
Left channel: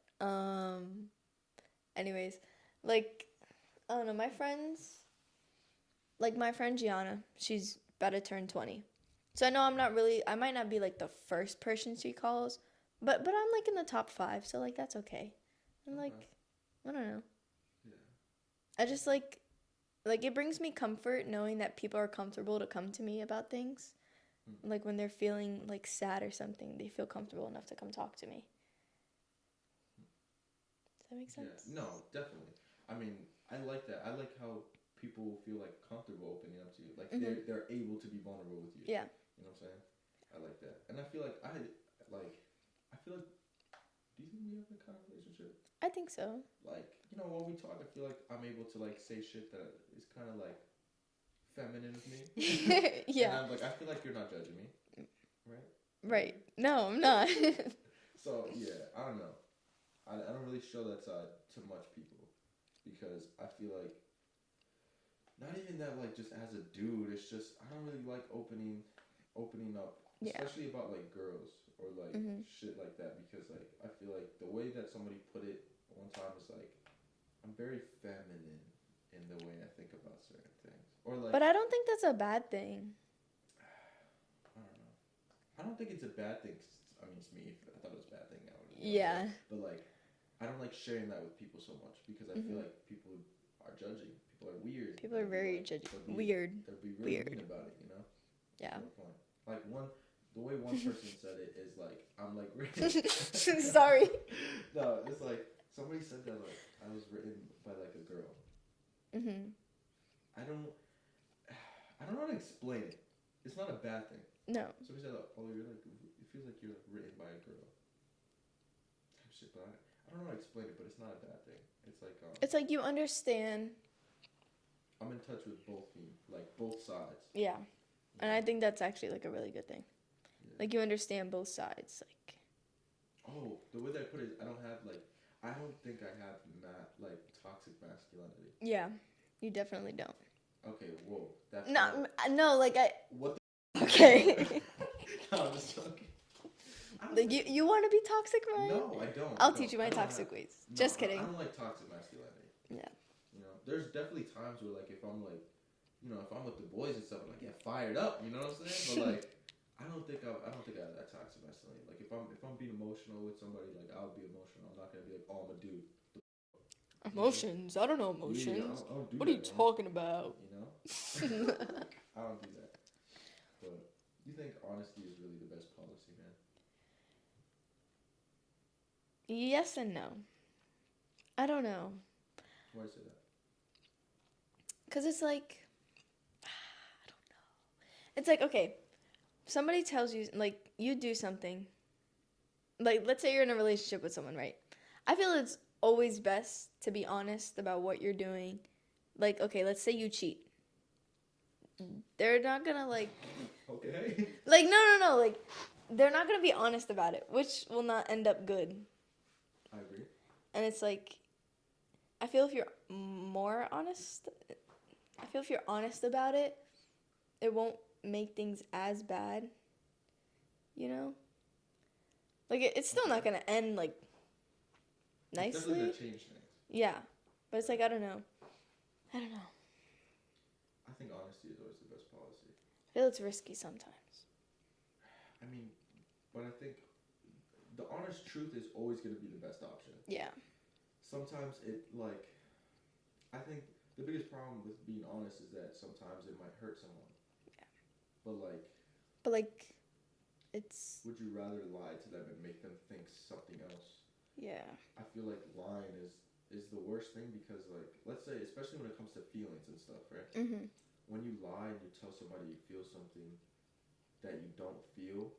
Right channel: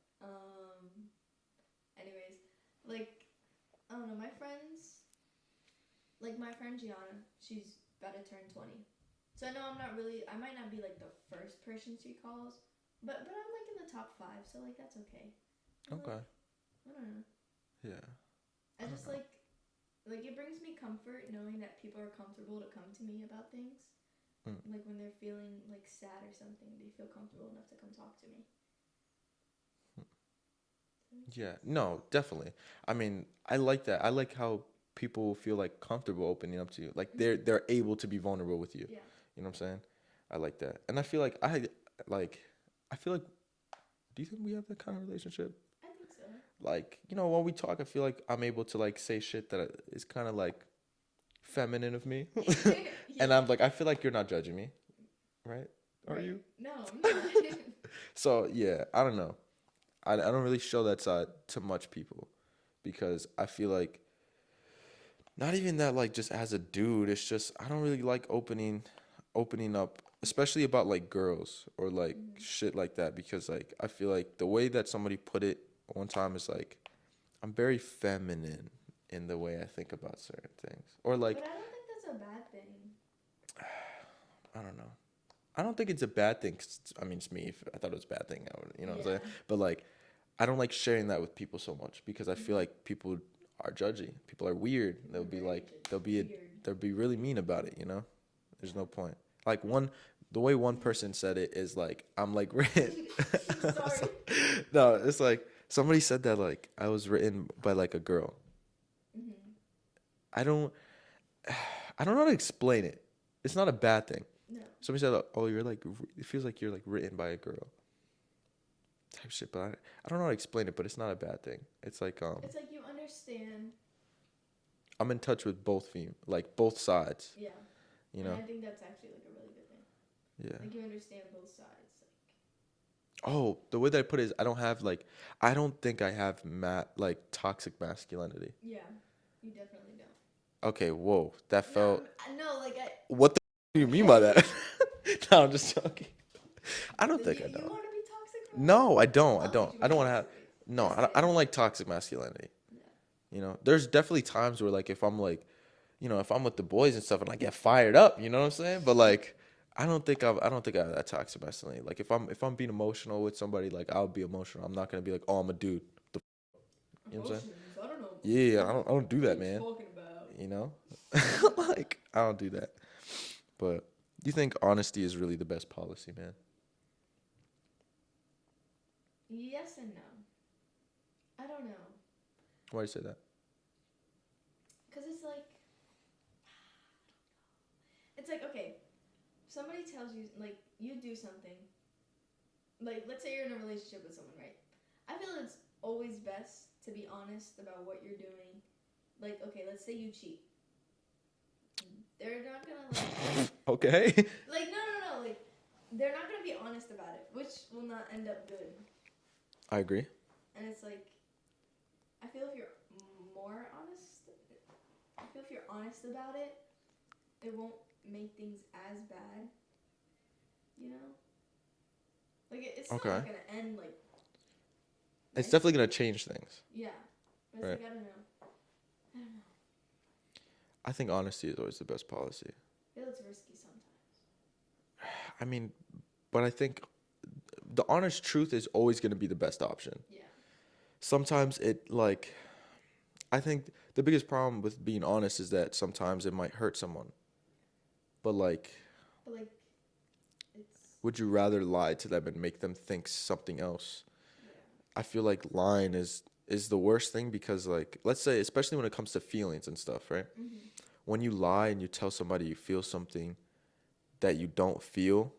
anyways, like I don't know, my friends, like my friend Gianna, she's about to turn 20. So I know I might not be like the first person she calls, but I'm like in the top 5, so like that's okay. I'm Okay. like, I don't know. Yeah. I just like it brings me comfort knowing that people are comfortable to come to me about things. Like when they're feeling like sad or something, they feel comfortable enough to come talk to me. Does that make sense? Yeah. No, definitely. I mean, I like that. I like how people feel like comfortable opening up to you. Like they're able to be vulnerable with you. Yeah. You know what I'm saying? I like that. And I feel like I feel like, do you think we have that kind of relationship? I think so. Like, you know, when we talk, I feel like I'm able to like say shit that is kind of like feminine of me. Yeah. And I'm like, I feel like you're not judging me, right? Are Right. you? No, I'm not. So yeah, I don't know. I don't really show that side to much people because I feel like not even that like just as a dude, it's just I don't really like opening up, especially about like girls or like shit like that because like I feel like the way that somebody put it one time is like I'm very feminine in the way I think about certain things. Or like But I don't think that's a bad thing. I don't know. I don't think it's a bad thing. 'Cause I mean, it's me. If I thought it was a bad thing, I would, you know what I'm saying? But like, I don't like sharing that with people so much because I feel like people are judgy. People are weird. People They'll are be very like, judgy. they'll be Weird. they'll be really Weird. mean about it. You know, there's Yeah. no point. Like the way one person said it is like I'm like written. Sorry. No, it's like somebody said that like I was written by like a girl. I don't know how to explain it. It's not a bad thing. No. Somebody said, "Oh, you're like it feels like you're like written by a girl." Type shit, but I don't know how to explain it, but it's not a bad thing. It's like It's like you understand. I'm in touch with both sides. Yeah. You And know? I think that's actually like a really good thing. Yeah. Like you understand both sides. Like Oh, the way that I put it is I don't think I have like toxic masculinity. yeah, you definitely don't. Okay, whoa, that felt. No, like I. What the you mean by that? No, I'm just joking. I don't Like think you want to be toxic, man? No, I don't. I'll I don't. teach you my I don't want to toxic have. ways. No, Just I kidding. don't like toxic masculinity. Yeah. You know, there's definitely times where like if I'm like, you know, if I'm with the boys and stuff and I get fired up, you know what I'm saying? But like, I don't think I have that toxic masculinity. Like if I'm being emotional with somebody, like I'll be emotional. I'm not gonna be like, oh, I'm a dude. You know what I'm saying? Emotions. I don't know emotions. Yeah, I don't do what that, are you man. talking about? You know, like I don't do that. But you think honesty is really the best policy, man? Yes and no. I don't know. Why do you say that? Cause it's like, I don't know. It's like okay, somebody tells you like you do something. Like let's say you're in a relationship with someone, right? I feel it's always best to be honest about what you're doing. Like okay, let's say you cheat. They're not gonna like. Okay. Like no, like they're not gonna be honest about it, which will not end up good. I agree. And it's like, I feel if you're more honest, if you're honest about it, it won't make things as bad. You know? Like, it's still not going to end, like, It's definitely going to nicely. change things. Yeah. But it's Right. like, I don't know. I think honesty is always the best policy. I feel it's risky sometimes. I mean, but I think the honest truth is always going to be the best option. Yeah. Sometimes I think the biggest problem with being honest is that sometimes it might hurt someone. But like, it's, would you rather lie to them and make them think something else? yeah. I feel like lying is the worst thing because, like, let's say, especially when it comes to feelings and stuff, right? Mm-hmm. When you lie and you tell somebody you feel something that you don't feel,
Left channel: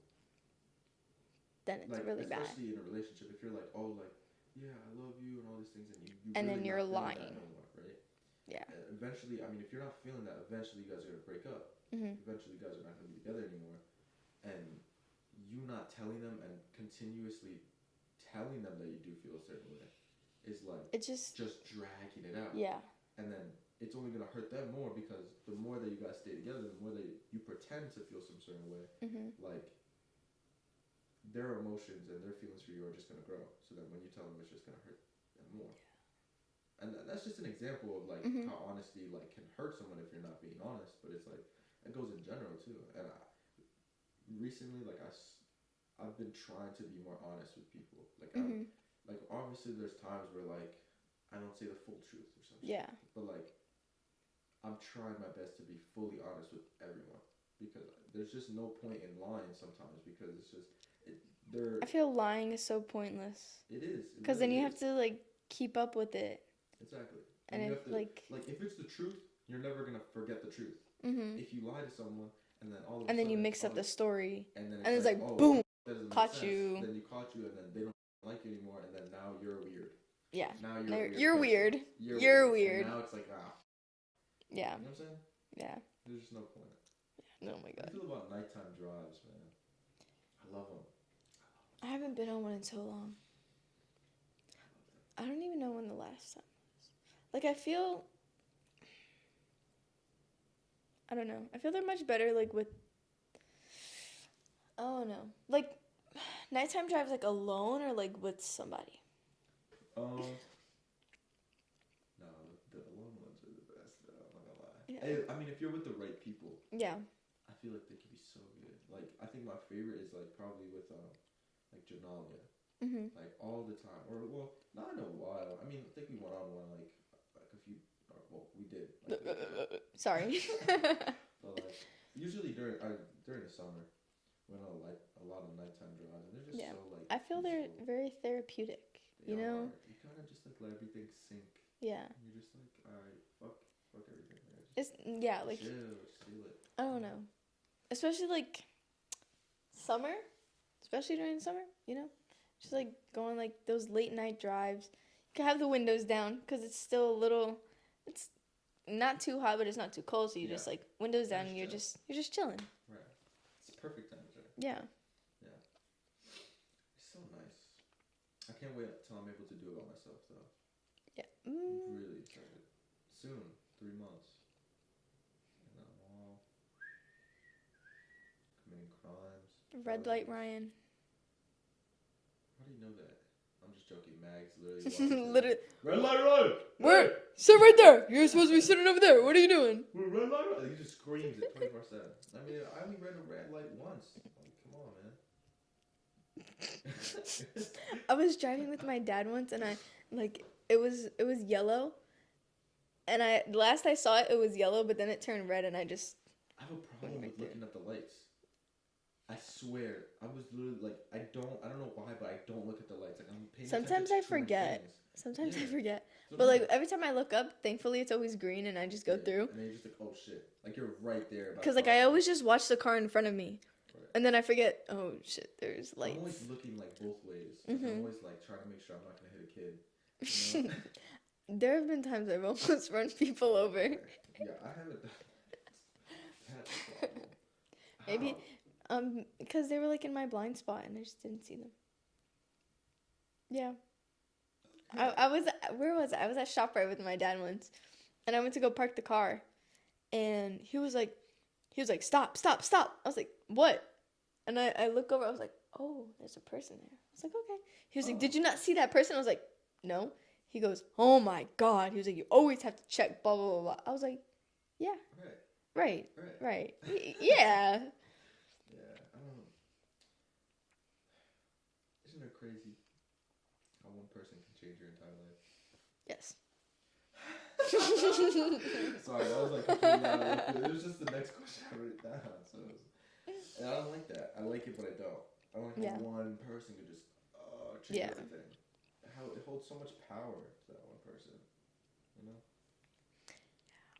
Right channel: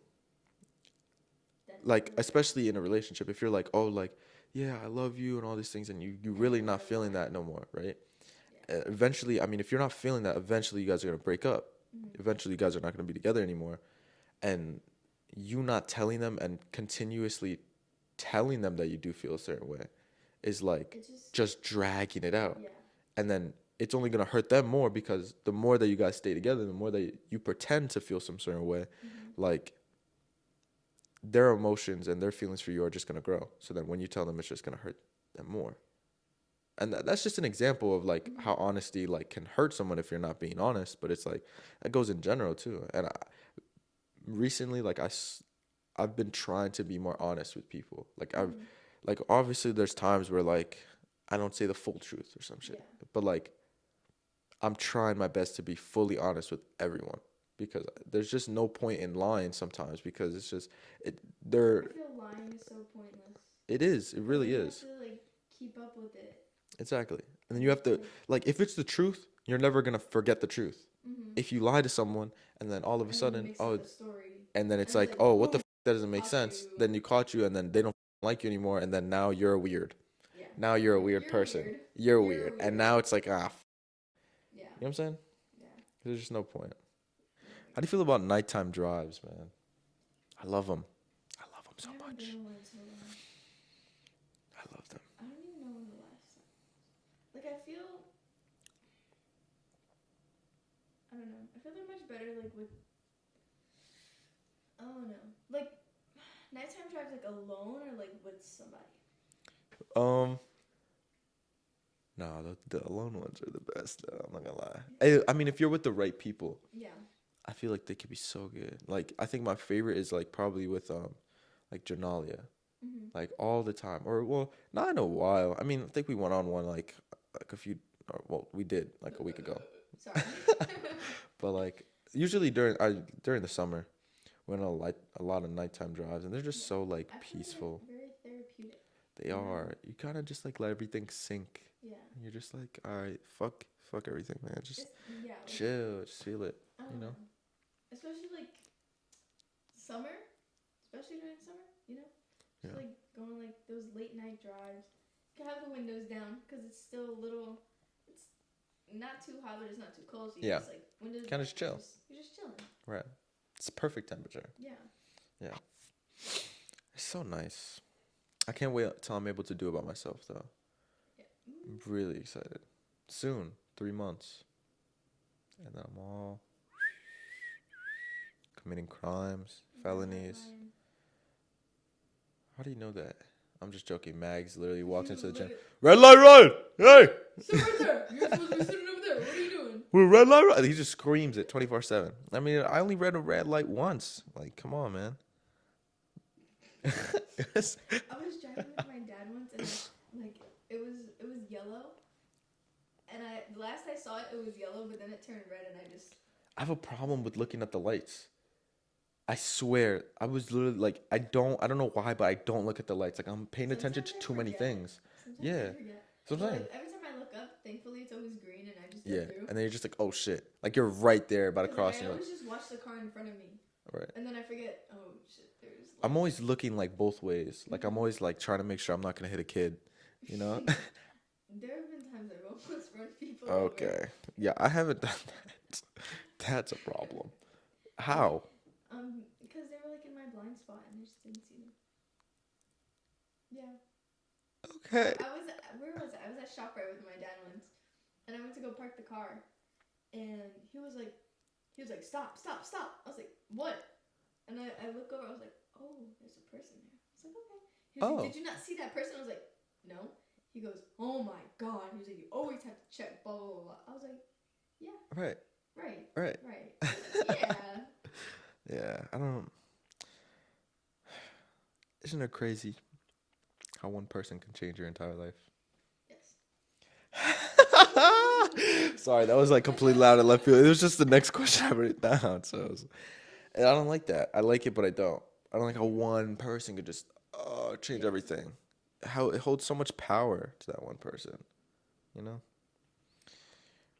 Then it's like, really especially in a relationship, if you're like, oh, like, yeah, I love you and all these things, and you really then not you're feeling that lying. no more, right? Yeah. Eventually, I mean, if you're not feeling that, eventually you guys are going to break up. Mm-hmm. Eventually, you guys are not going to be together anymore. And you not telling them and continuously telling them that you do feel a certain way is like It's just dragging it out. Yeah. And then it's only going to hurt them more because the more that you guys stay together, the more that you pretend to feel some certain way, Mm-hmm. like their emotions and their feelings for you are just going to grow. So then when you tell them, it's just going to hurt them more. And that's just an example of like Mm-hmm. how honesty like can hurt someone if you're not being honest, but it's like it goes in general too. And recently, like I've been trying to be more honest with people. Like Mm-hmm. like obviously there's times where like I don't say the full truth or some shit. Yeah. But like I'm trying my best to be fully honest with everyone because there's just no point in lying sometimes because it's just I feel lying is so pointless. it is. It Because really then you is. have to like keep up with it. Exactly. And And you have it's to like if it's the truth, you're never going to forget the truth. Mm-hmm. If you lie to someone and then all of a And then sudden you mix up the story. and then it's and it's like, like, oh, what the boom, that doesn't make caught sense. you. Then you caught you and then they don't like you anymore and then now you're weird. Yeah. Now you're a weird You're person. weird. You're You're weird. weird. And now it's like, Yeah. you know what I'm saying? Yeah. There's just no point. No, How do you feel about nighttime drives, man? I love them. I love them so I haven't much. been on one in so long. I love them. I don't even know when the last time was. Like, I feel they're much better, like, with, I don't know. Like, nighttime drives, like, alone or, like, with somebody? No, the alone ones are the best, though. I'm not gonna lie. Yeah. I mean, if you're with the right people, Yeah. I feel like they could be so good. Like, I think my favorite is, like, probably with, like, Janalia. Mm-hmm. Like, all the time. Or, well, not in a while. I mean, I think we went on one, like a few, or, well, we did, like, a week ago. Sorry. But, like, usually during the summer, we went on a lot of nighttime drives, and they're just Yeah. so, like, I feel peaceful. they're very therapeutic. They you know? are. You kind of just, like, let everything sink. Yeah. And you're just like, all right, fuck everything, man. Just Like, chill, just feel it. I don't you know. Especially like summer, especially during summer, you know? Just Yeah. like going like those late night drives. You can have the windows down because it's still a little, it's not too hot, but it's not too cold. So you Yeah. just like windows Kinda down and just you're just chilling. Right. It's perfect temperature. Yeah. It's so nice. I can't wait till I'm able to do it by myself, though. Yeah. I'm really excited. Soon, 3 months. And then I'm all committing crimes, Red light felonies. Ryan. How do you know that? I'm just joking. Mags literally walked into the gym. Literally. Red light Ryan! Hey! Sit right there. You're supposed to be sitting over there. What are you doing? We're red light Ryan. He just screams it 24/7. I mean, I only read a red light once. Like, come on, man. I was driving with my dad once, and it was yellow, and last I saw it, it was yellow, but then it turned red, and I have a problem with looking at the lights. I swear, I was literally like, I don't know why, but I don't look at the lights. Like, I'm paying attention to too many things. Sometimes I Yeah. forget. Sometimes. But like every time I look up, thankfully it's always green, and I just go through. And then you're just like, oh shit, like you're right there about to Because cross. like I always just watch the car in front of me, Right. and then I forget. Oh shit, there's. Light. I'm always looking like both ways. Like I'm Mhm. always like trying to make sure I'm not gonna hit a kid. You know. There have been times I've almost run people over. Yeah, I haven't done that. That's a problem. How? Because they were like in my blind spot, and I just didn't see them. Yeah. Okay. Where was I? I was at ShopRite with my dad once, and I went to go park the car, and he was like, stop. I was like, what? And I look over, I was like, oh, there's a person there. I was like, okay. He was like, did you not see that person? I was like, no. He goes, oh my God. He was like, you always have to check, blah, blah, blah, blah. I was like, yeah. Right. Yeah. Yeah, I don't. Isn't it crazy how one person can change your entire life? Yes. Sorry, that was like completely loud and left field. It was just the next question I wrote down. So, and I don't like that. I like it, but I don't. I don't like how Yeah. one person could just change Yeah. everything. How it holds so much power to that one person. You know?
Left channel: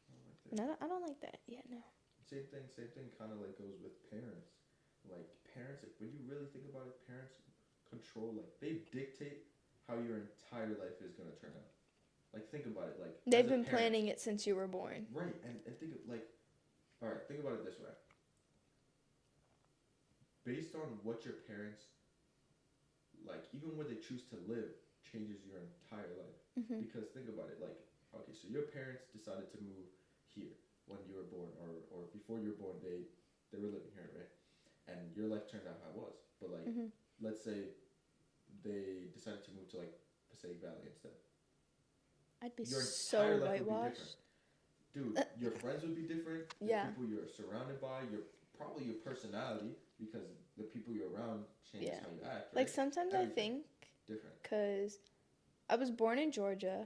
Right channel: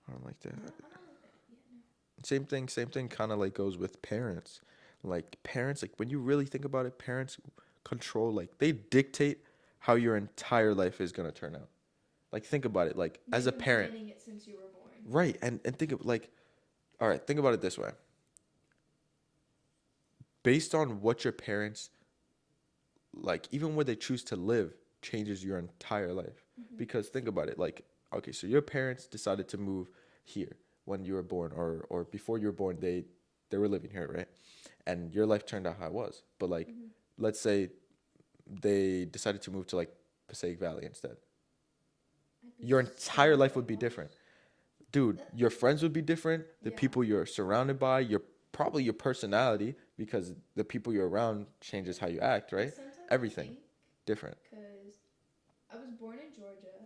I don't like that. No, I don't like that. Yeah, no. Same thing kind of like goes with parents. Like parents, like when you really think about it, parents control, like they dictate how your entire life is going to turn out. Like think about it, like They've as a been parent. planning it since you were born. Right. And think of like, all right, think about it this way. Based on what your parents, like even where they choose to live changes your entire life. Mm-hmm. Because think about it, like, okay, so your parents decided to move here when you were born, or before you were born, they were living here, right? And your life turned out how it was. But like, Mm-hmm. let's say they decided to move to like Passaic Valley instead. I'd be Your entire so life would be different. Dude, your friends would be different. The Yeah. people you're surrounded by, probably your personality, because the people you're around changes Yeah. how you act, right? Like sometimes Everything I think, different. because I was born in Georgia,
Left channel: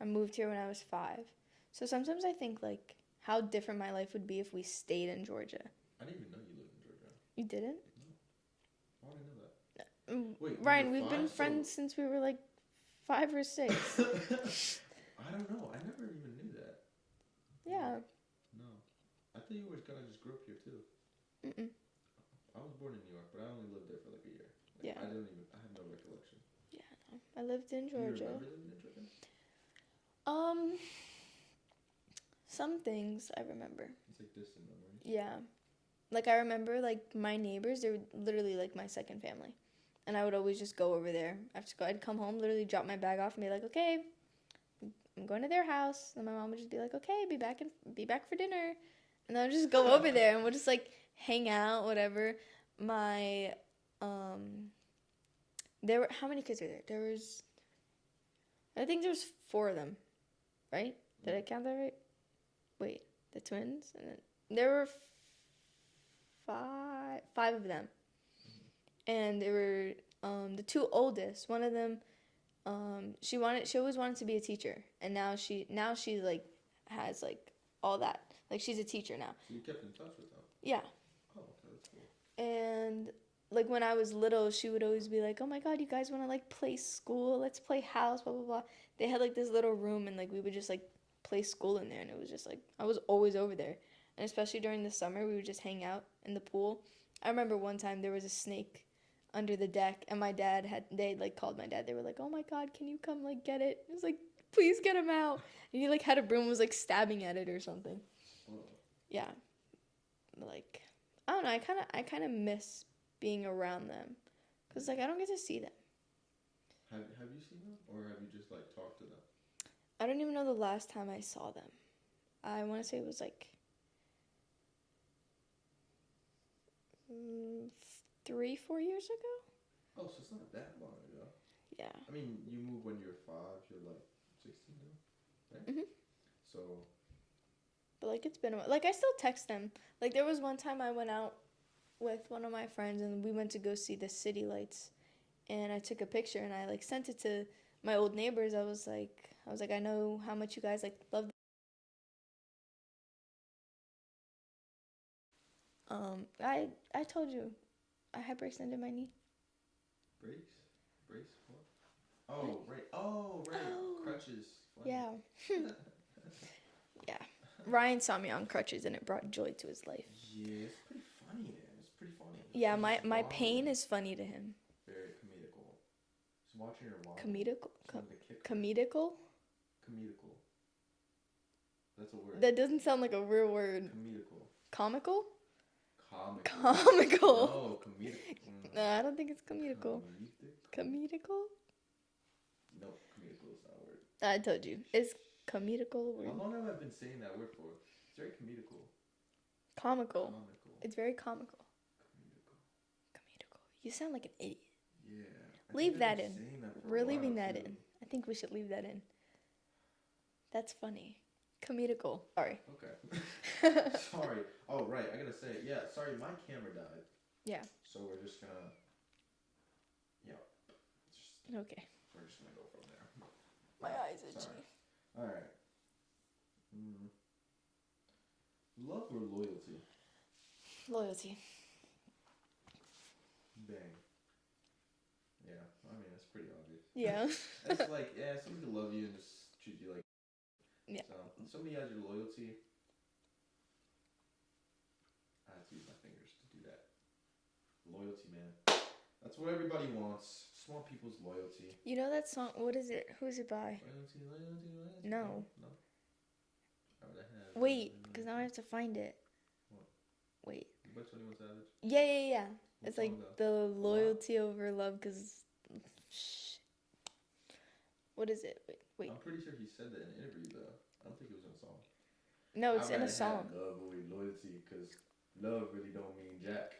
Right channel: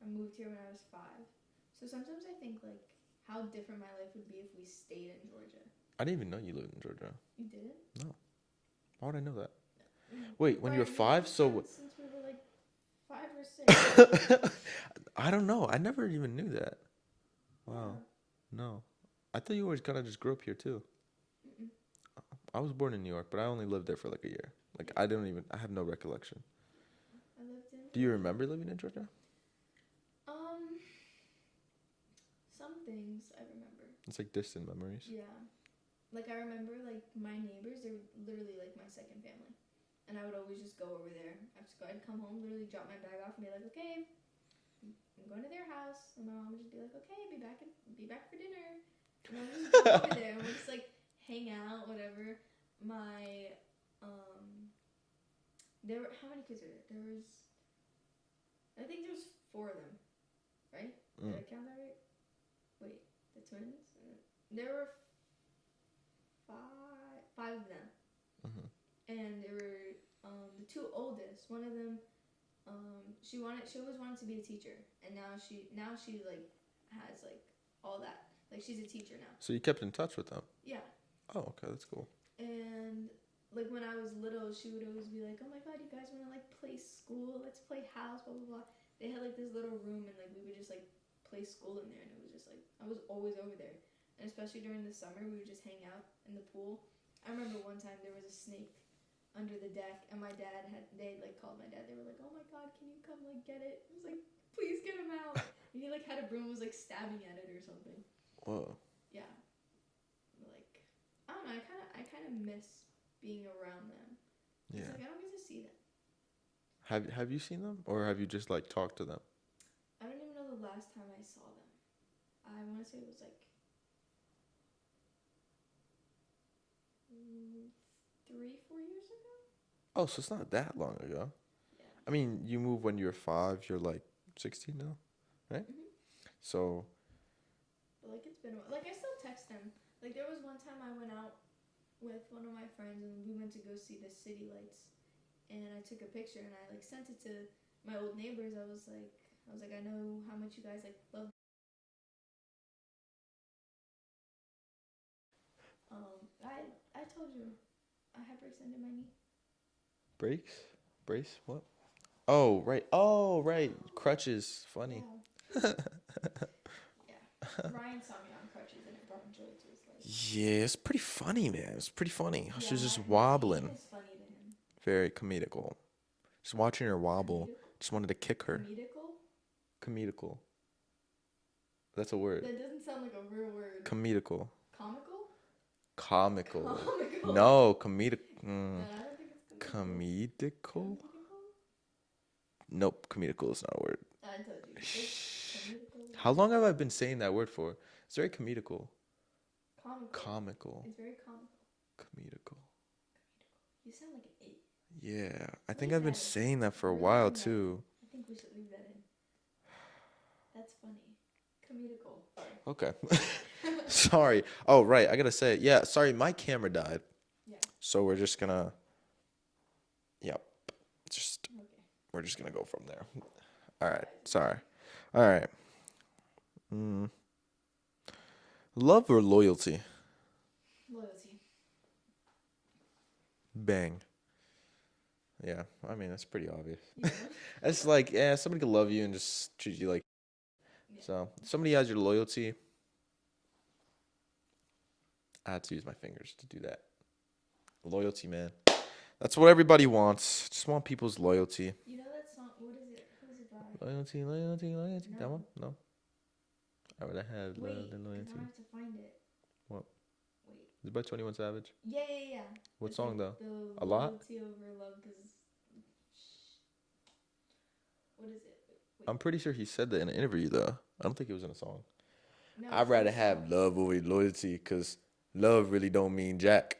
I moved here when I was 5. So sometimes I think like how different my life would be if we stayed in Georgia. I didn't even know you lived in Georgia. You didn't? Why would I know that? Mm, Wait, when Brian, you were we've 5, been so friends since we were like 5 or 6. I don't know. I never even knew that. Yeah. Wow. No, I thought you always kind of just grew up here too. Mm-mm. I was born in New York, but I only lived there for like a year. Like Yeah. I have no recollection. I lived in Georgia. Do you remember living in Georgia? Some things I remember. It's like distant memories. Yeah. Like I remember like my neighbors, they were literally like my second family. And I would always just go over there after school. I'd come home, literally drop my bag off and be like, okay, I'm going to their house. And my mom would just be like, okay, be back for dinner. And then I'd just go over there and we'll just like hang out, whatever. There were, how many kids were there? I think there was 4 of them, right? Did I count that right? Wait, the twins? And then there were 5 of them. Mm-hmm. And they were the 2 oldest. One of them, she always wanted to be a teacher, and now she like has like all that. Like she's a teacher now. So you kept in touch with them? Yeah. Oh, okay, that's cool. And like when I was little, she would always be like, "Oh my God, you guys want to like play school? Let's play house, blah blah blah." They had like this little room, and like we would just like play school in there, and it was just like I was always over there. And especially during the summer, we would just hang out in the pool. I remember one time there was a snake under the deck, and they like called my dad. They were like, "Oh my God, can you come like get it?" It was like, "Please get him out." And he like had a broom, was like stabbing at it or something. Whoa. Yeah. Like I don't know. I kind of miss being around them. Cause like I don't get to see them. Have you seen them, or have you just like talked to them? I don't even know the last time I saw them. I want to say it was like 3-4 years ago. Oh, so it's not that long ago. Yeah. I mean, you moved when you were 5. You're like 16 now, right? Mhm. So. But like it's been a while. Like I still text them. Like there was one time I went out with one of my friends and we went to go see the city lights, and I took a picture and I like sent it to my old neighbors. I was like I know how much you guys like love. I told you I hyperextended my knee. Brace? What? Oh, right. Oh, right. Oh. Crutches. Funny. Yeah. Yeah. Ryan saw me on crutches and it brought joy to his life. Yeah, it's pretty funny, man. It's pretty funny. Yeah, She's just my wobbling. pain is funny to him. Very comedical. Just watching her wobble. Comedical? Just wanted to kick her. Comedical? Comedical. That's a word. That doesn't sound like a real word. Comedical. Comical? Comical. Comical. No, comedic. No, I don't think it's comedical. Comedical? Comedical? Nope, comedical is not a word. I told you. It's comedical. How long have I been saying that word for? It's very comedical. Comical. Comical. It's very comical. Comedical. Comedical. You sound like an idiot. Yeah, I Leave think I've been that in. saying that for We're a while leaving that in. too. I think we should leave that in. That's funny. Comedical. Sorry. Okay. Sorry. Oh, right. I gotta say, yeah. Sorry, my camera died. Yeah. So we're just gonna. Yeah. Just Okay. we're just gonna go from there. All right. Rise and Sorry. shine. All right. Love or loyalty? Loyalty. Bang. Yeah. I mean, that's pretty obvious. Yeah. It's like, yeah, somebody could love you and just treat you like. Yeah. So somebody has your loyalty. I had to use my fingers to do that. Loyalty, man. That's what everybody wants. Just want people's loyalty. You know that song? What is it? Who is it by? Loyalty, loyalty, loyalty. That No. one? No. I would have had. Wait, the because now I loyalty. have to find it. What? Wait. Is it by 21 Savage? Yeah. What It's song like though? the A Lot? loyalty over love, because. What is it? Wait. I'm pretty sure he said that in an interview though. I don't think it was in a song. No, it's I'd in rather a song. have love over loyalty because love really don't mean jack.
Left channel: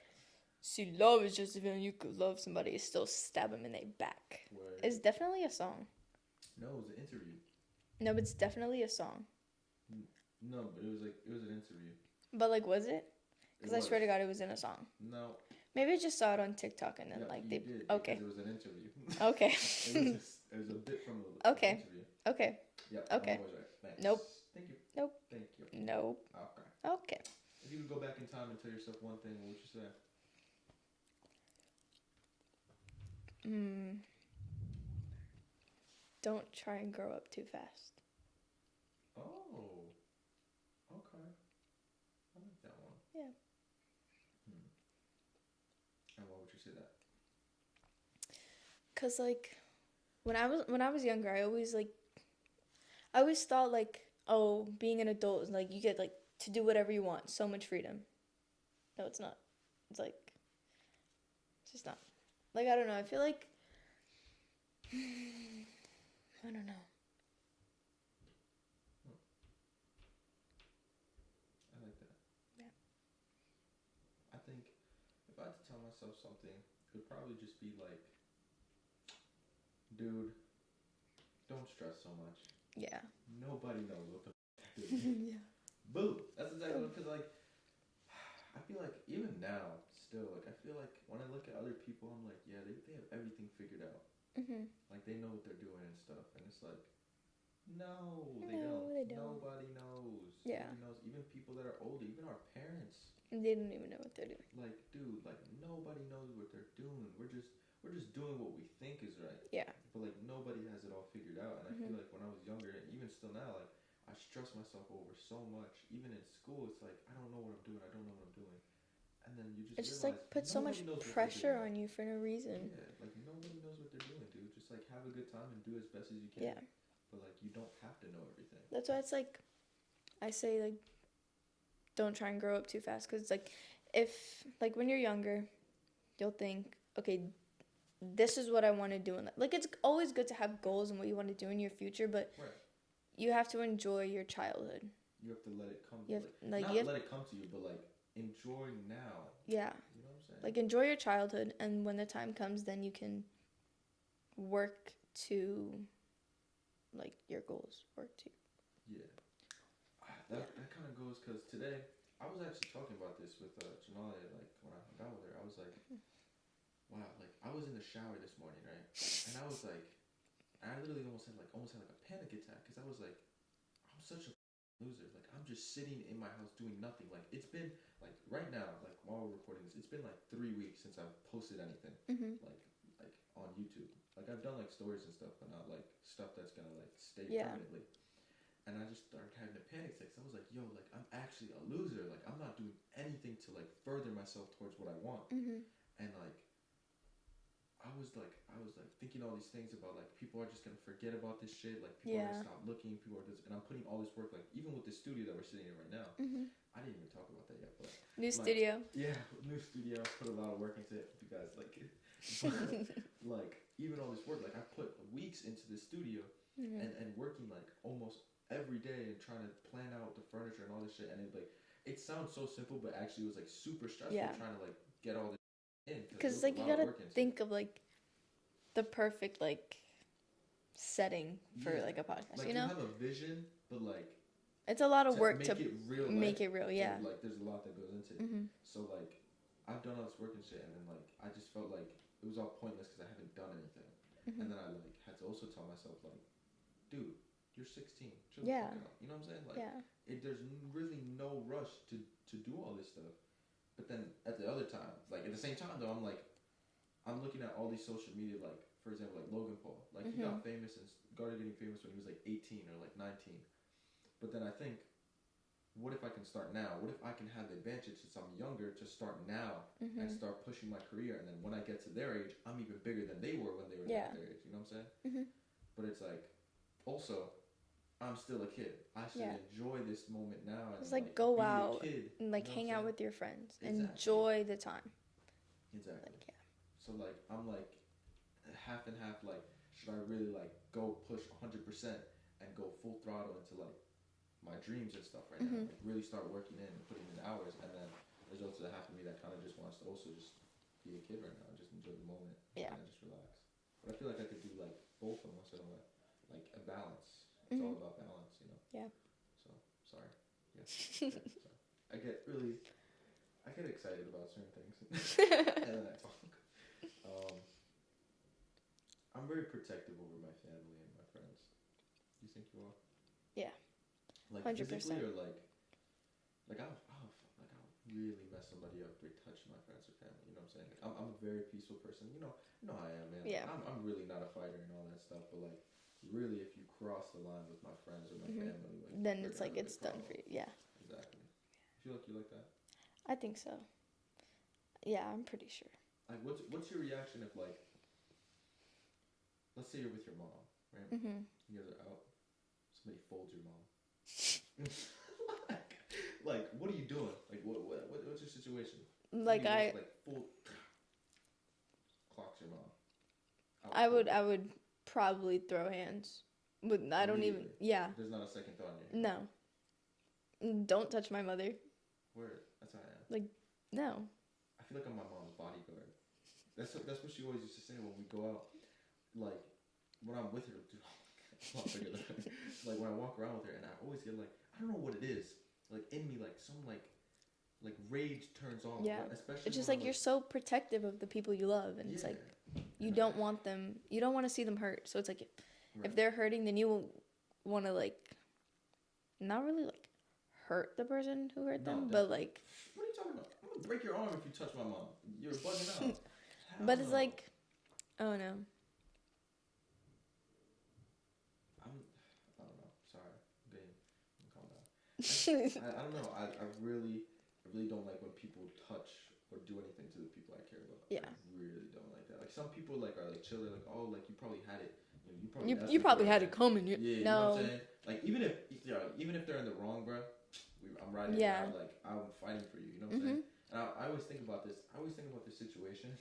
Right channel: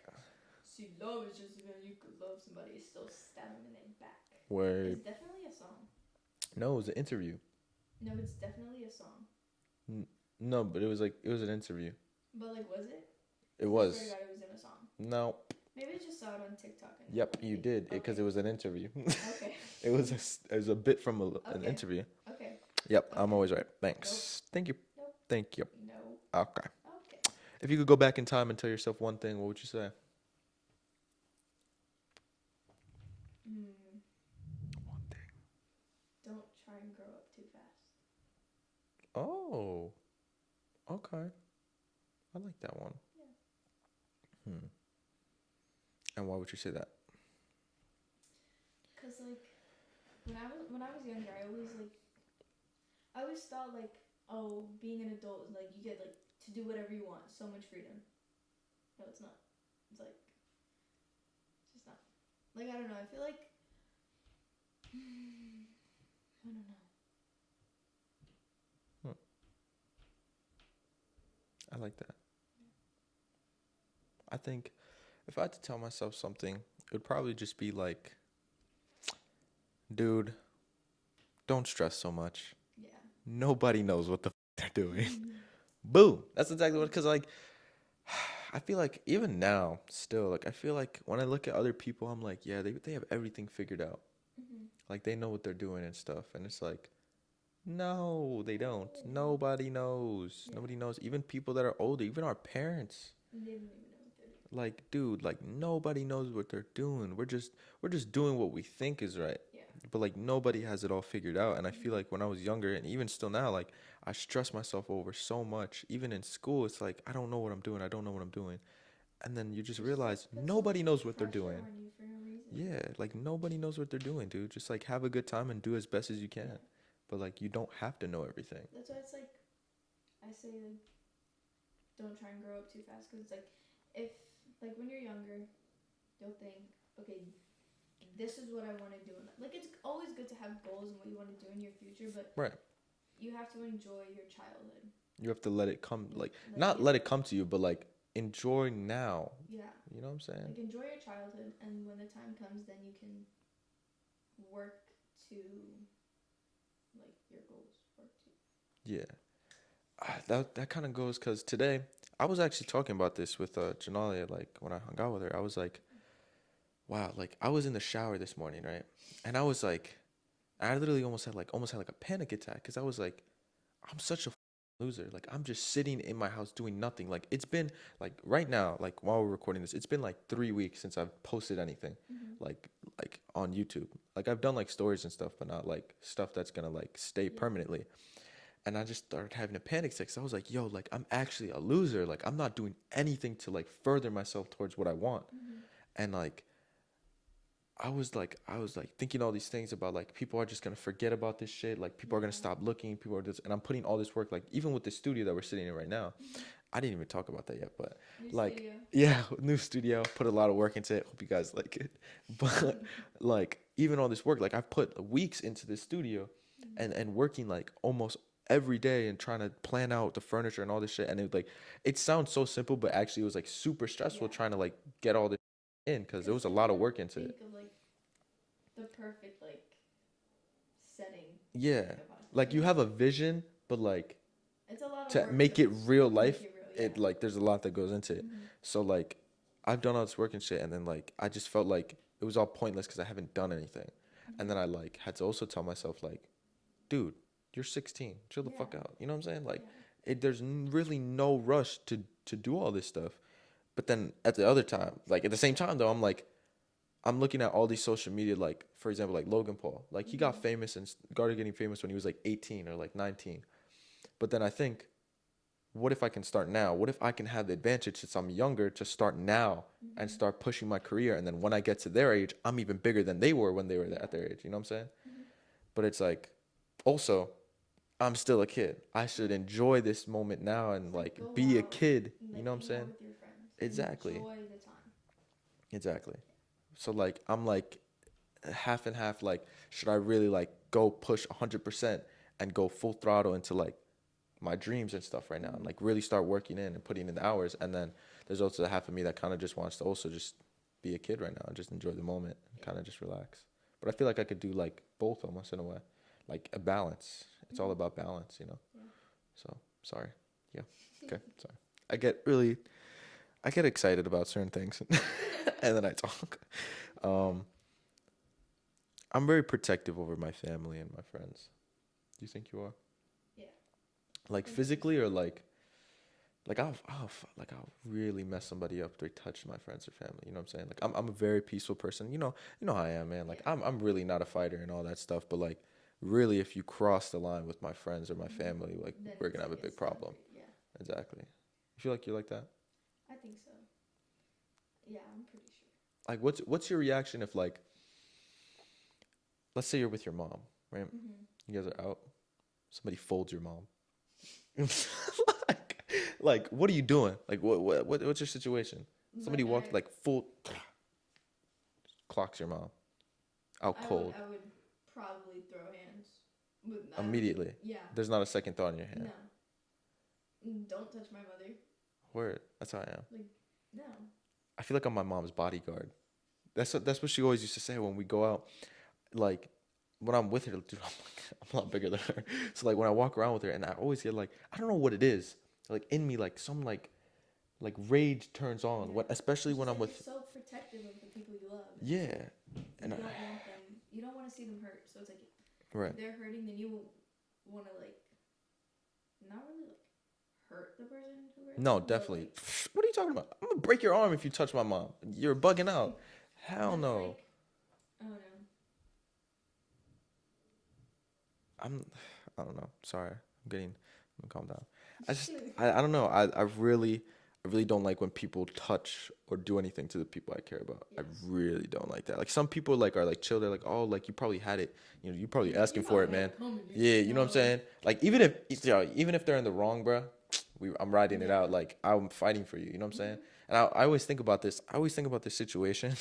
See, love is just when you could love somebody and still stab them in their back. Where It's definitely a song. no, it was an interview. No, but it's definitely a song. No, but it was an interview. But like, was it? It 'Cause was. I swear to God, it was in a song. No. Maybe I just saw it on TikTok and then Yep, like you did because Okay. it was an interview. Okay. it was a bit from an Okay. interview. Okay. Yep, I'm Okay. always right. Thanks. Nope. Thank you. Nope. Thank you. No. Okay. Okay. If you could go back in time and tell yourself one thing, what would you say? One thing. Don't try and grow up too fast. Oh. Okay. I like that one. Yeah. And why would you say that? 'Cause like, when I was younger, I always thought like, oh, being an adult is like you get like to do whatever you want, so much freedom. No, it's not. It's like, it's just not. Like, I don't know. I feel like, I don't know. I like that. Yeah. I think if I had to tell myself something, it would probably just be like, dude, don't stress so much. Yeah. Nobody knows what the they're doing. Boo. That's exactly what, because like, I feel like even now, still, like, I feel like when I look at other people, I'm like, yeah, they have everything figured out. Like, they know what they're doing and stuff. And it's like, no, they don't. they don't. Nobody knows. Yeah. Nobody knows. Even people that are older, even our parents. They don't even know what they're doing. Like, dude, like, nobody knows what they're doing. We're just doing what we think is right. Yeah. But like, nobody has it all figured out. And I feel like when I was younger, and even still now, like, I stress myself over so much. Even in school, it's like, I don't know what I'm doing. I don't know what I'm doing. And then you just It just, realize like, puts so nobody much knows what they're doing. Pressure on you for no reason. Yeah, like, nobody knows what they're doing, dude. Just like, have a good time and do as best as you can. Yeah. But like, you don't have to know everything. That's why it's like, I say like, don't try and grow up too fast. Because like, if like when you're younger, you'll think, okay, this is what I want to do in life. Like, it's always good to have goals and what you want to do in your future, but Right. you have to enjoy your childhood. You have to let it come, You have- like like, not you have- let it come to you, but like, enjoy now. Yeah. You know what I'm saying? Like, enjoy your childhood, and when the time comes, then you can work to like your goals. Work to. Yeah. That kind of goes because today I was actually talking about this with Janalia, like when I hung out with her. I was like, wow, like I was in the shower this morning, right? And I was like, I literally almost had like a panic attack because I was like, I'm such a loser. Like, I'm just sitting in my house doing nothing. Like, it's been like right now, like while we're recording this, it's been like 3 weeks since I've posted anything like on YouTube. Like, I've done like stories and stuff, but not like stuff that's gonna like stay Yeah. permanently. And I just started having a panic attack. So I was like, yo, like, I'm actually a loser. Like, I'm not doing anything to like further myself towards what I want. And like, I was like thinking all these things about like, people are just gonna forget about this shit. Like, people are gonna Yeah. stop looking. People are just, and I'm putting all this work, like even with the studio that we're sitting in right now. I didn't even talk about that yet, but New like, studio. yeah, new studio. Put a lot of work into it. Hope you guys like it. But like, even all this work, like I've put weeks into this studio, and working like almost every day and trying to plan out the furniture and all this shit. And it like, it sounds so simple, but actually it was like super stressful Yeah. trying to like get all this in because there was like, a you lot of gotta work into it. Think of like the perfect like setting. For, Yeah, like a podcast. like you know? have a vision, but like It's a lot of to work make to it real life, Make it real, yeah. like there's a lot that goes into it. So like, I've done all this work and shit, and then like I just felt like it was all pointless because I haven't done anything. And then I like had to also tell myself like, dude, you're 16, chill the fuck out. You know what I'm saying? Like, there's really no rush to do all this stuff. But then at the other time, like at the same time though, I'm like, I'm looking at all these social media, like for example, like Logan Paul, like he got famous and started getting famous when he was like 18 or like 19. But then I think, what if I can start now? What if I can have the advantage since I'm younger to start now and start pushing my career? And then when I get to their age, I'm even bigger than they were when they were at their age. You know what I'm saying? But it's like, also, I'm still a kid. I should enjoy this moment now and like go be a out kid. and like you know what I'm hang saying? out with your friends. Exactly. Enjoy the time. Exactly. Like, So like I'm like half and half. Like, should I really like go push 100% and go full throttle into like my dreams and stuff right now, and like really start working in and putting in the hours? And then there's also the half of me that kind of just wants to also just be a kid right now and just enjoy the moment and kind of just relax. But I feel like I could do like both almost in a way, like a balance. It's all about balance, you know? Yeah. So, sorry. Yeah. Okay, sorry. I get excited about certain things and then I talk. I'm very protective over my family and my friends. Do you think you are? Yeah. Like 100%. physically, or like I'll really mess somebody up if they touch my friends or family. You know what I'm saying? Like I'm a very peaceful person. You know how I am, man. Like I'm really not a fighter and all that stuff. But like really, if you cross the line with my friends or my family, like Then we're it's gonna have like a big it's done problem. for you. Yeah. Exactly. You feel like you're like that? I think so. Yeah, I'm pretty sure. Like what's your reaction if like, let's say you're with your mom, right? You guys are out. Somebody folds your mom. like, what are you doing? Like, what's your situation? Somebody Like walks like full clocks your mom. Out I cold. would probably throw hands. But I Immediately. don't even, yeah. There's not a second thought in your head. No. Don't touch my mother. Word. That's how I am. Like, no. I feel like I'm my mom's bodyguard. That's what she always used to say when we go out. Like, when I'm with her, dude, I'm a lot bigger than her. So like when I walk around with her, and I always get like, I don't know what it is. Like in me, like some like rage turns on. Yeah. Especially It's just when like I'm with. You're so protective of the people you love. And Yeah. It's like, you don't want them. You don't want to see them hurt. So it's like, Right. if they're hurting, then you will want to like, not really like hurt the person who hurt No, them. definitely. But like, what are you talking about? I'm gonna break your arm if you touch my mom. You're bugging out. Hell but no. it's like, oh no. I don't know. Sorry. I'm gonna calm down. I don't know. I really don't like when people touch or do anything to the people I care about. Yeah. I really don't like that. Like some people like are like chill. They're like, oh, like you probably had it. You know, you probably asking for it, man. It coming. Yeah, you know what I'm saying? Like even if they're in the wrong, bro, I'm riding it out. Like I'm fighting for you. You know what I'm saying? And I always think about this. I always think about this situation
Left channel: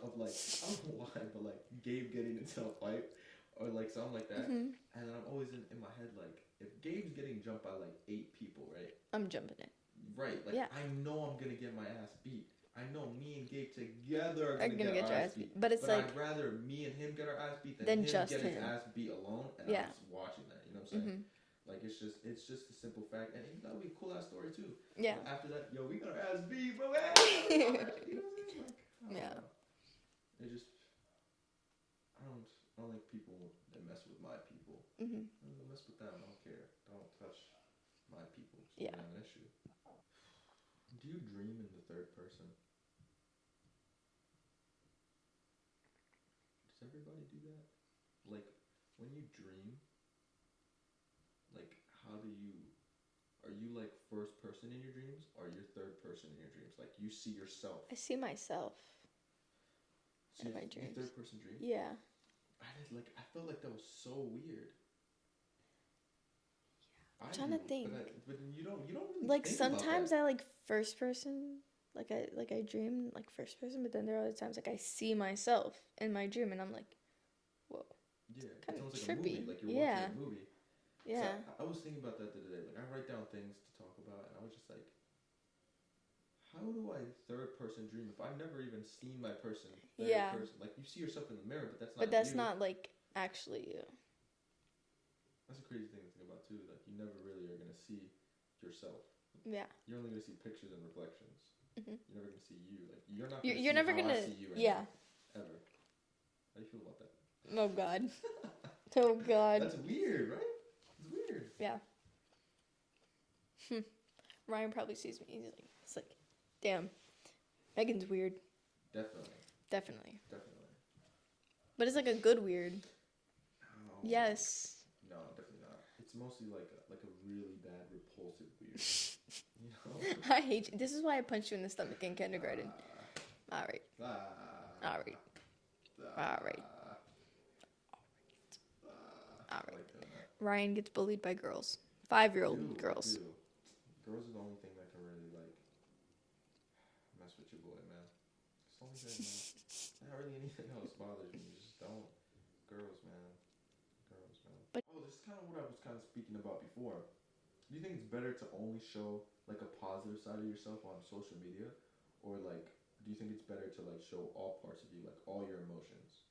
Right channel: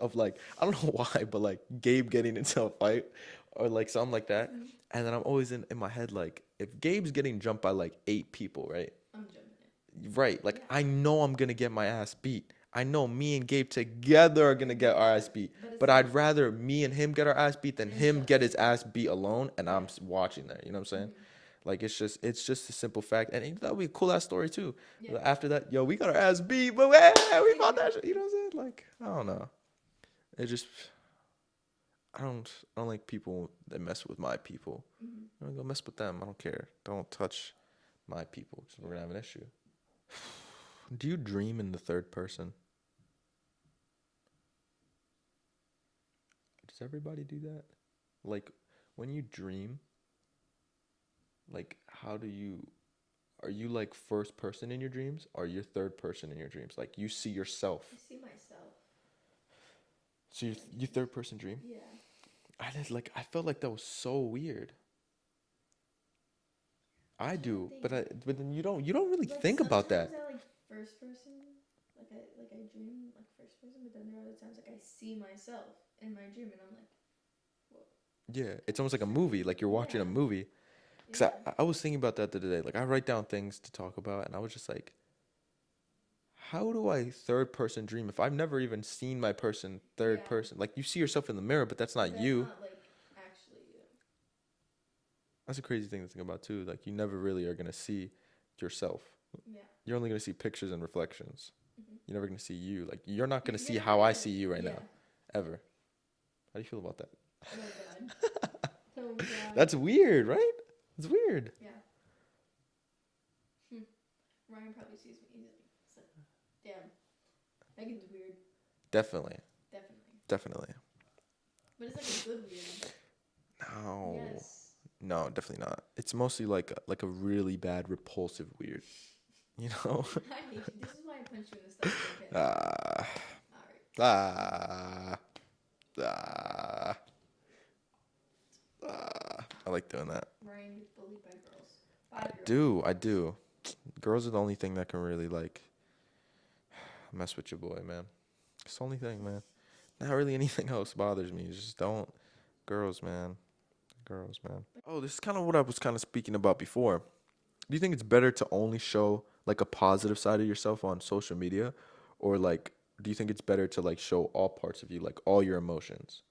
of like, I don't know why, but like Gabe getting into a fight or like something like that. And then I'm always in my head like, if Gabe's getting jumped by like 8 people, right? I'm jumping it. Right. Like I know I'm gonna get my ass beat. I know me and Gabe together are gonna get our ass beat. But like, I'd rather me and him get our ass beat than him get his ass beat alone, and I'm watching that. You know what I'm saying? Like it's just a simple fact, and that would be a cool ass story too. Yeah. But after that, yo, we got our ass beat, but we fought that shit. You know what I'm saying? Like I don't know. It just I don't like people that mess with my people. Go mess with them. I don't care. Don't touch my people. So we're gonna have an issue. Do you dream in the third person? Does everybody do that? Like, when you dream, like, are you like first person in your dreams, or you third person in your dreams? Like, you see yourself. I see myself. So you third person dream? Yeah. I felt like that was so weird. I do, but then you don't really like, think about that. Sometimes I like first person, like I dream like first person, but then there are other times like I see myself in my dream, and I'm like, whoa. Yeah, it's almost like a movie, like you're watching a movie. Cause I was thinking about that the other day. Like I write down things to talk about, and I was just like, how do I third person dream if I've never even seen my person third person? Like you see yourself in the mirror, but that's not you. That's not like actually you. That's a crazy thing to think about too. Like you never really are gonna see yourself. Yeah. You're only gonna see pictures and reflections. You're never gonna see you. Like you're not gonna see never how I gonna- see you right now. Ever. How do you feel about that? Oh God. Oh God. That's weird, right? It's weird. Yeah. Ryan probably sees me easily. It's like, damn, Megan's weird. Definitely. Definitely. But it's like a good weird. No. Yes. No, definitely not. It's mostly like a really bad repulsive weird. You know? I hate you. This is why I punched you in the stomach in kindergarten. All right. I like doing that. Ryan gets bullied by girls. 5-year-old girls. I do. Girls are the only thing that can really like mess with your boy, man. It's the only thing, man. Not really anything else bothers me. Just don't. Girls, man. But This is kind of what I was kind of speaking about before. Do you think it's better to only show like a positive side of yourself on social media, or like do you think it's better to like show all parts of you, like all your emotions,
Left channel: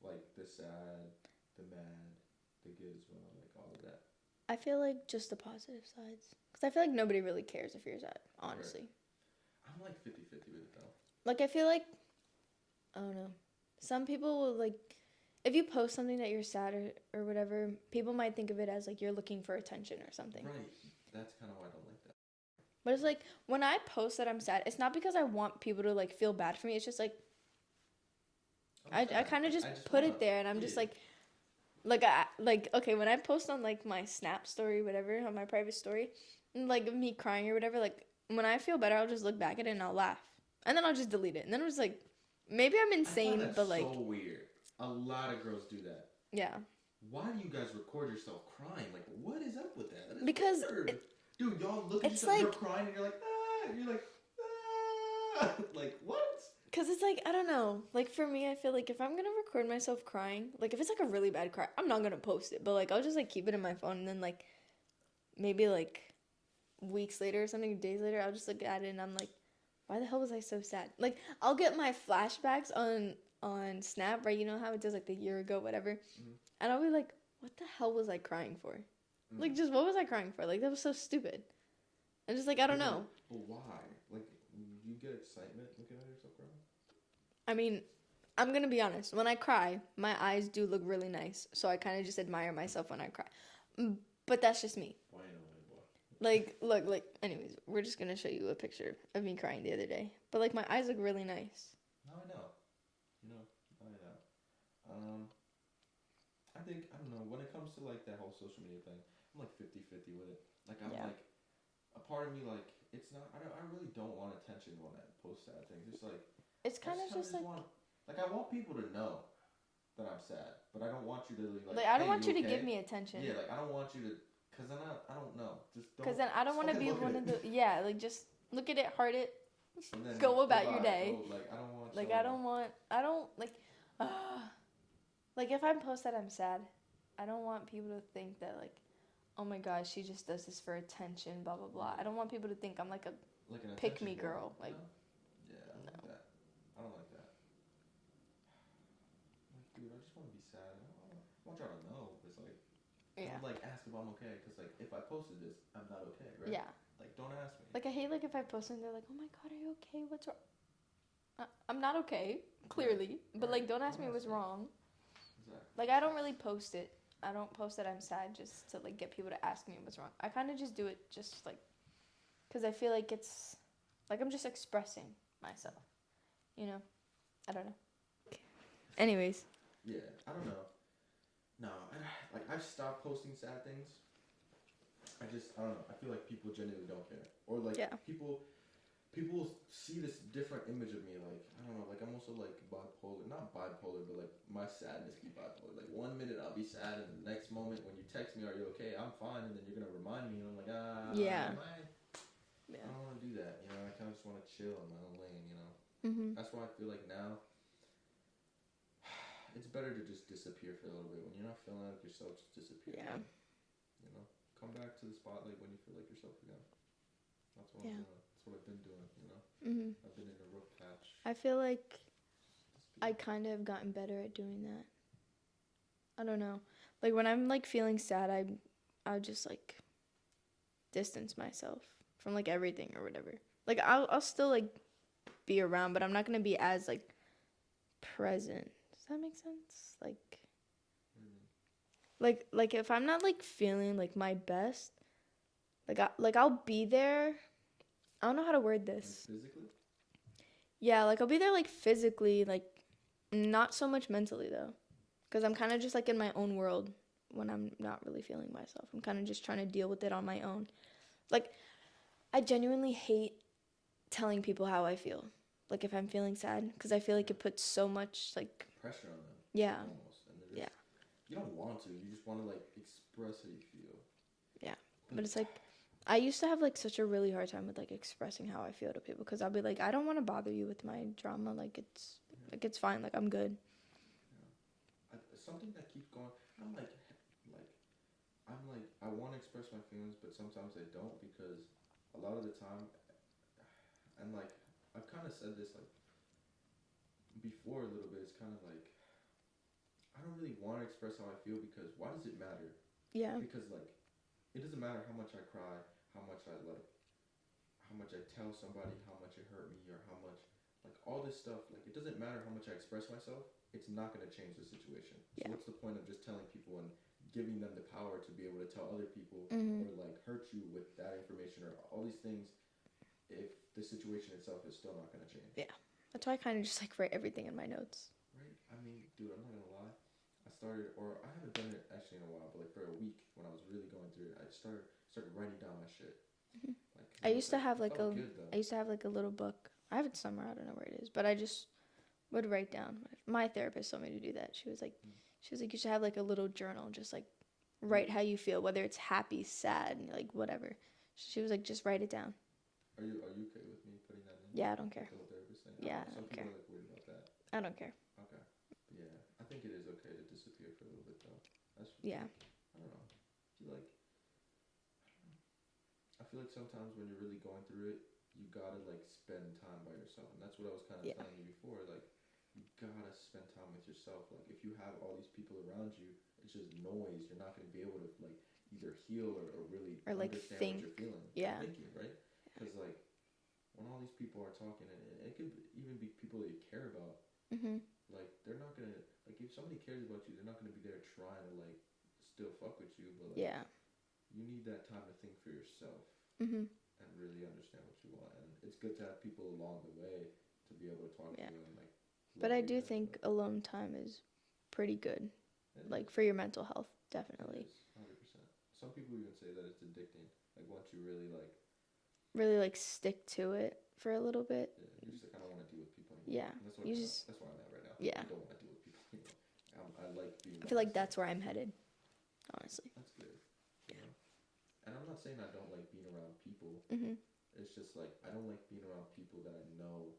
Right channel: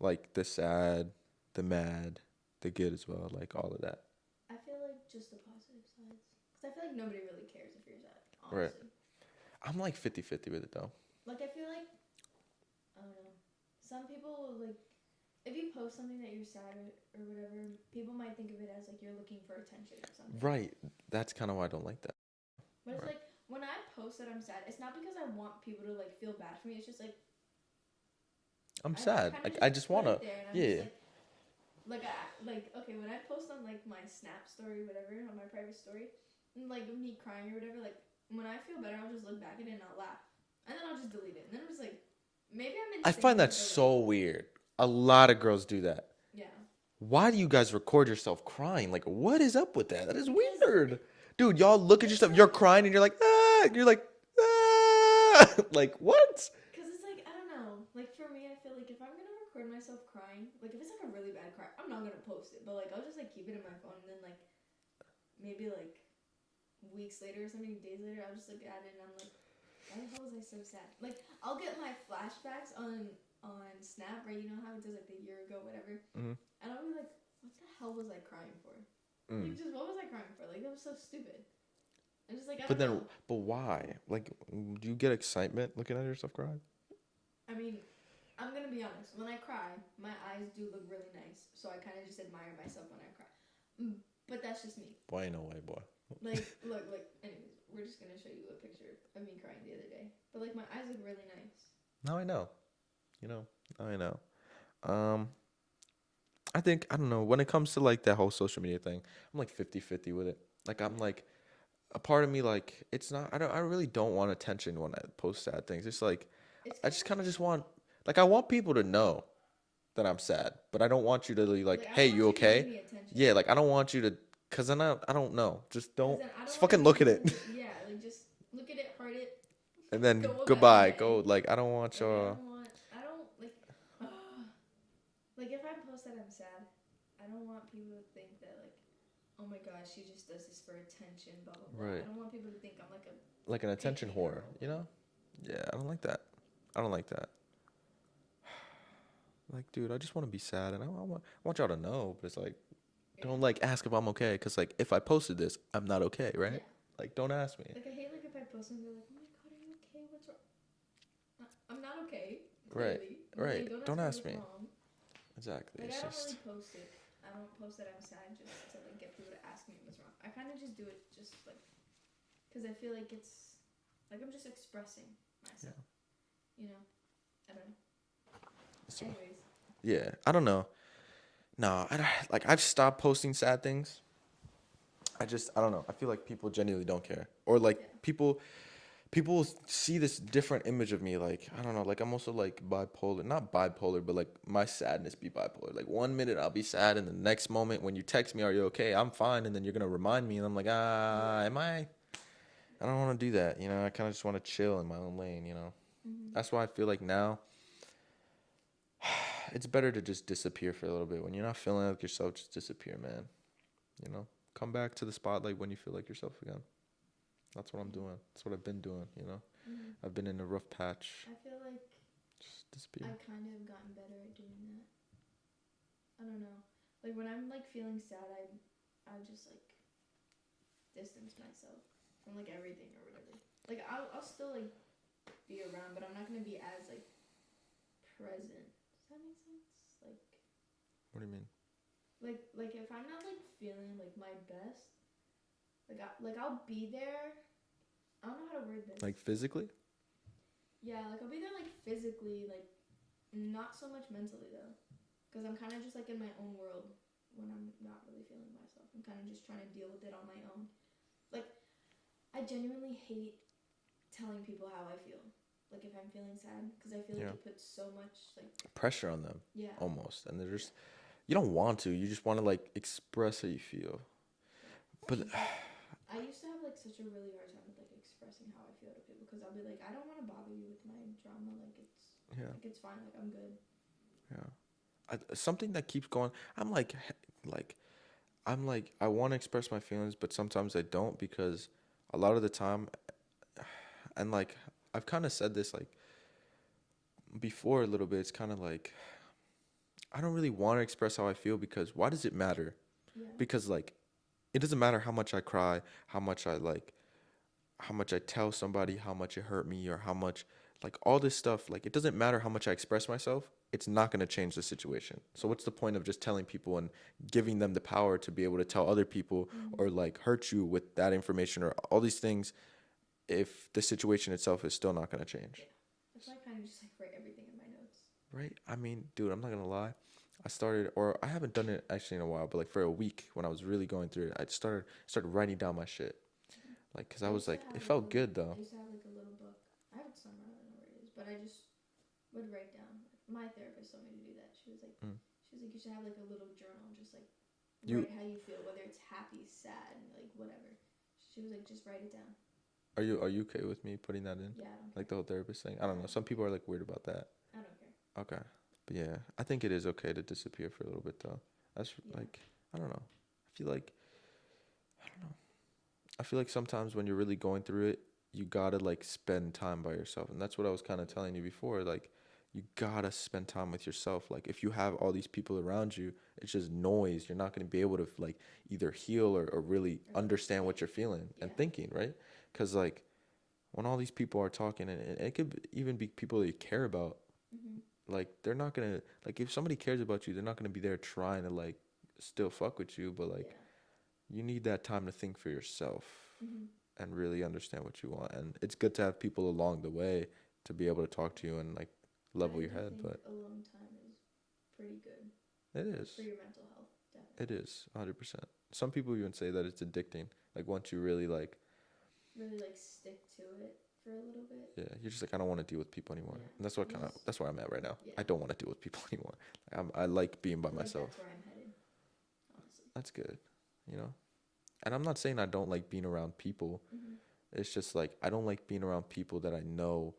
like the sad, the mad, the good as well, like all of that? I feel like just the positive sides. Because I feel like nobody really cares if you're sad, honestly. Right. I'm like 50-50 with it though. Like, I feel like, I don't know. Some people will, like, if you post something that you're sad or whatever, people might think of it as, like, you're looking for attention or something. Right. That's kind of why I don't like that. But it's like, when I post that I'm sad, it's not because I want people to, like, feel bad for me. It's just, like, I'm sad. I kind of just put it there, and I'm just, like, okay, when I post on, like, my Snap story, whatever, on my private story, like, me crying or whatever, like, when I feel better, I'll just look back at it and I'll laugh. And then I'll just delete it. And then I'm just like, maybe I'm insane. I find that so weird. A lot of girls do that. Yeah. Why do you guys record yourself crying? Like, what is up with that? That is Because weird. Dude, y'all look at yourself. like, You're crying and you're like, ah. And you're like, ah. Like, what? Because it's like, I don't know. Like, for me, I feel like if I'm going to record myself crying, like, if it's like a really bad cry, I'm not going to post it. But, like, I'll just, like, keep it in my phone. And then, like, maybe, like, weeks later or something, days later, I'll just look at it and I'm like, why the hell was I so sad? Like, I'll get my flashbacks on Snap, right? You know how it does, like, the year ago, whatever? Mm-hmm. And I'll be like, what the hell was I crying for? Like, just what was I crying for? Like, that was so stupid. And just, like, I don't know. But why? Like, do you get excitement looking at yourself cry? I mean, I'm going to be honest. When I cry, my eyes do look really nice. So I kind of just admire myself when I cry. But that's just me. Boy, no way, boy. Like, look, anyways, we're just going to show you a picture of me crying the other day. But, like, my eyes look really nice. Now I know. You know, now I know. I think, I don't know, when it comes to, like, that whole social media thing, I'm, like, 50-50 with it. Like, I'm, like, a part of me, like, it's not, I really don't want attention when I post sad things. It's, like, I just kind of just want, like, I want people to know that I'm sad. But I don't want you to, like hey, you okay? To give me attention. Yeah, like, I don't want you to. Because then I don't know. Just don't. Then I don't just fucking look at it. Yeah, like just look at it, heart it. And then go goodbye. Go, like, I don't want like, like if I post that I'm sad, I don't want people to think that, like, oh my gosh, she just does this for attention, blah, blah, blah. Right. I don't want people to think I'm like an attention whore, girl, you know? Yeah, I don't like that. Like, dude, I just want to be sad, and I want y'all to know, but it's like, don't, like, ask if I'm okay, because, like, if I posted this, I'm not okay, right? Yeah. Like, don't ask me. Like, I hate, like, if I post and they're like, oh my god, are you okay? What's wrong? I'm not okay, clearly. Right. But, like, don't ask me what's wrong. Exactly. Like, I don't really post it. I don't post that I'm sad just to, like, get people to ask me what's wrong. I kind of just do it just, like, because I feel like it's, like, I'm just expressing myself. You know? I don't know. Anyways. Yeah, I don't know. No, I've stopped posting sad things. I don't know. I feel like people genuinely don't care. Or, like, people see this different image of me. Like, I don't know. Like, I'm also, like, bipolar. Not bipolar, but, like, my sadness be bipolar. Like, 1 minute I'll be sad, and the next moment when you text me, are you okay? I'm fine. And then you're going to remind me, and I'm like, am I? I don't want to do that. You know, I kind of just want to chill in my own lane, you know? Mm-hmm. That's why I feel like now it's better to just disappear for a little bit. When you're not feeling like yourself, just disappear, man. You know? Come back to the spotlight when you feel like yourself again. That's what I'm doing. That's what I've been doing, you know? Mm-hmm. I've been in a rough patch. I feel like I kind of have gotten better at doing that. I don't know. Like, when I'm, like, feeling sad, I'll just, like, distance myself from, like, everything or whatever. Like, I'll still, like, be around, but I'm not going to be as, like, present. Does that make sense? Like, What do you mean? like if I'm not like feeling like my best, I'll be there. I don't know how to word this. Like physically? Yeah, like I'll be there like physically, like not so much mentally though, because I'm kind of just like in my own world when I'm not really feeling myself. I'm kind of just trying to deal with it on my own. Like, I genuinely hate telling people how I feel. Like if I'm feeling sad, because I feel like it puts so much like pressure on them. Yeah. Almost, and they're just you don't want to. You just want to like express how you feel. Yeah. But it's like I used to have like such a really hard time with like expressing how I feel to people, because I'll be like, I don't want to bother you with my drama. Like it's fine. Like I'm good. Yeah. Something that keeps going. I'm like I want to express my feelings, but sometimes I don't, because a lot of the time, and like I've kind of said this like before a little bit. It's kind of like I don't really want to express how I feel, because why does it matter? Yeah. Because like it doesn't matter how much I cry, how much I tell somebody how much it hurt me, or how much like all this stuff. Like it doesn't matter how much I express myself. It's not going to change the situation. So what's the point of just telling people and giving them the power to be able to tell other people or like hurt you with that information or all these things if the situation itself is still not going to change? Yeah. That's why I kind of just like write everything in my notes. Right? I mean, dude, I'm not going to lie. I haven't done it actually in a while, but like for a week when I was really going through it, I started writing down my shit. Like, cause I was like, it felt good though. I used to have like a little book. I have it somewhere. I don't know where it is, but I just would write down. My therapist told me to do that. She was like, you should have like a little journal, just like write how you feel, whether it's happy, sad, like whatever. She was like, just write it down. Are you okay with me putting that in? Yeah, I don't care. Like the whole therapist thing? I don't know. Some people are like weird about that. I don't care. Okay. But yeah, I think it is okay to disappear for a little bit though. That's like, I don't know. I feel like sometimes when you're really going through it, you gotta like spend time by yourself. And that's what I was kind of telling you before. Like, you gotta spend time with yourself. Like, if you have all these people around you, it's just noise. You're not gonna be able to like either heal or really like understand what you're feeling and thinking, right? Because like when all these people are talking, and it could even be people that you care about, like they're not gonna, like if somebody cares about you, they're not gonna be there trying to like still fuck with you, but like you need that time to think for yourself and really understand what you want. And it's good to have people along the way to be able to talk to you and like level But I your do head, think alone time is pretty good. It like is. for your mental health, definitely. It is 100%. Some people even say that it's addicting. Like once you really like stick to it for a little bit. Yeah, you're just like, I don't want to deal with people anymore. Yeah, And that's what that's where I'm at right now. Yeah. I don't want to deal with people anymore. I like being by I feel myself. like that's where I'm headed, honestly. That's good, you know. And I'm not saying I don't like being around people. It's just like I don't like being around people that I know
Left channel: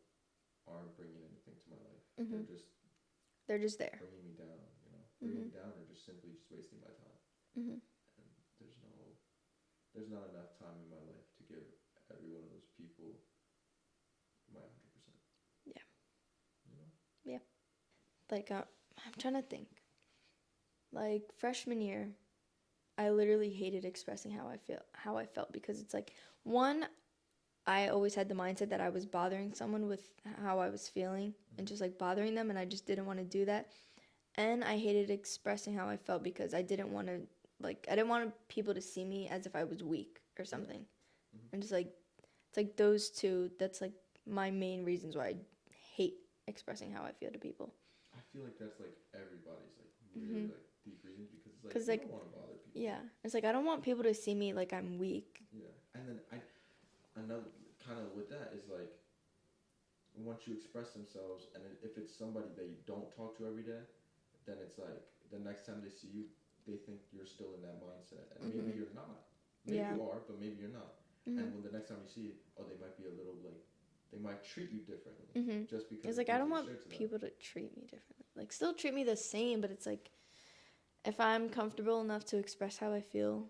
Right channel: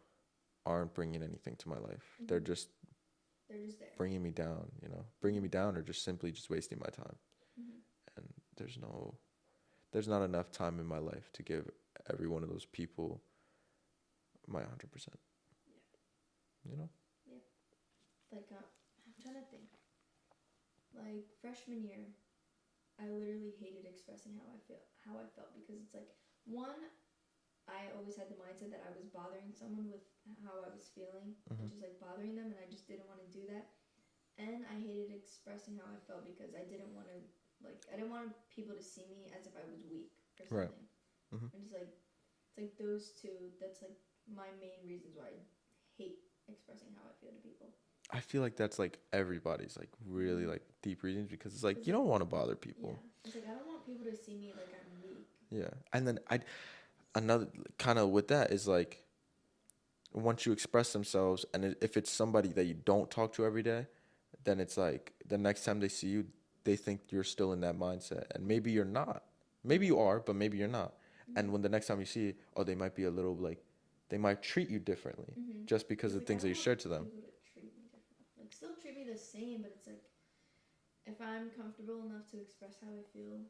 aren't bringing anything to my life. They're just there, bringing me down, you know, bringing me down, or just simply just wasting my time. And there's not enough time in my life to give every one of those people my 100%. Yeah. You know? Yeah. Like, I'm trying to think. Like, freshman year, I literally hated expressing how I felt, because it's like, one, I always had the mindset that I was bothering someone with how I was feeling and just like bothering them, and I just didn't want to do that. And I hated expressing how I felt because I didn't want people to see me as if I was weak or something. Right. And just like, it's like those two, that's like my main reasons why I hate expressing how I feel to people. I feel like that's like everybody's like really like deep reasons, because it's like you don't want to bother people. Yeah. It's like I don't want people to see me like I'm weak. Yeah. And then another kind of with that is like, once you express themselves, and if it's somebody that you don't talk to every day, then it's like the next time they see you, they think you're still in that mindset, and maybe you're not. Maybe you are, but maybe you're not. And when the next time you see it, they might be a little like, they might treat you differently just because of the things that you shared to them. People to treat me differently, like still treat me the same, but it's like, if I'm comfortable enough to express how I feel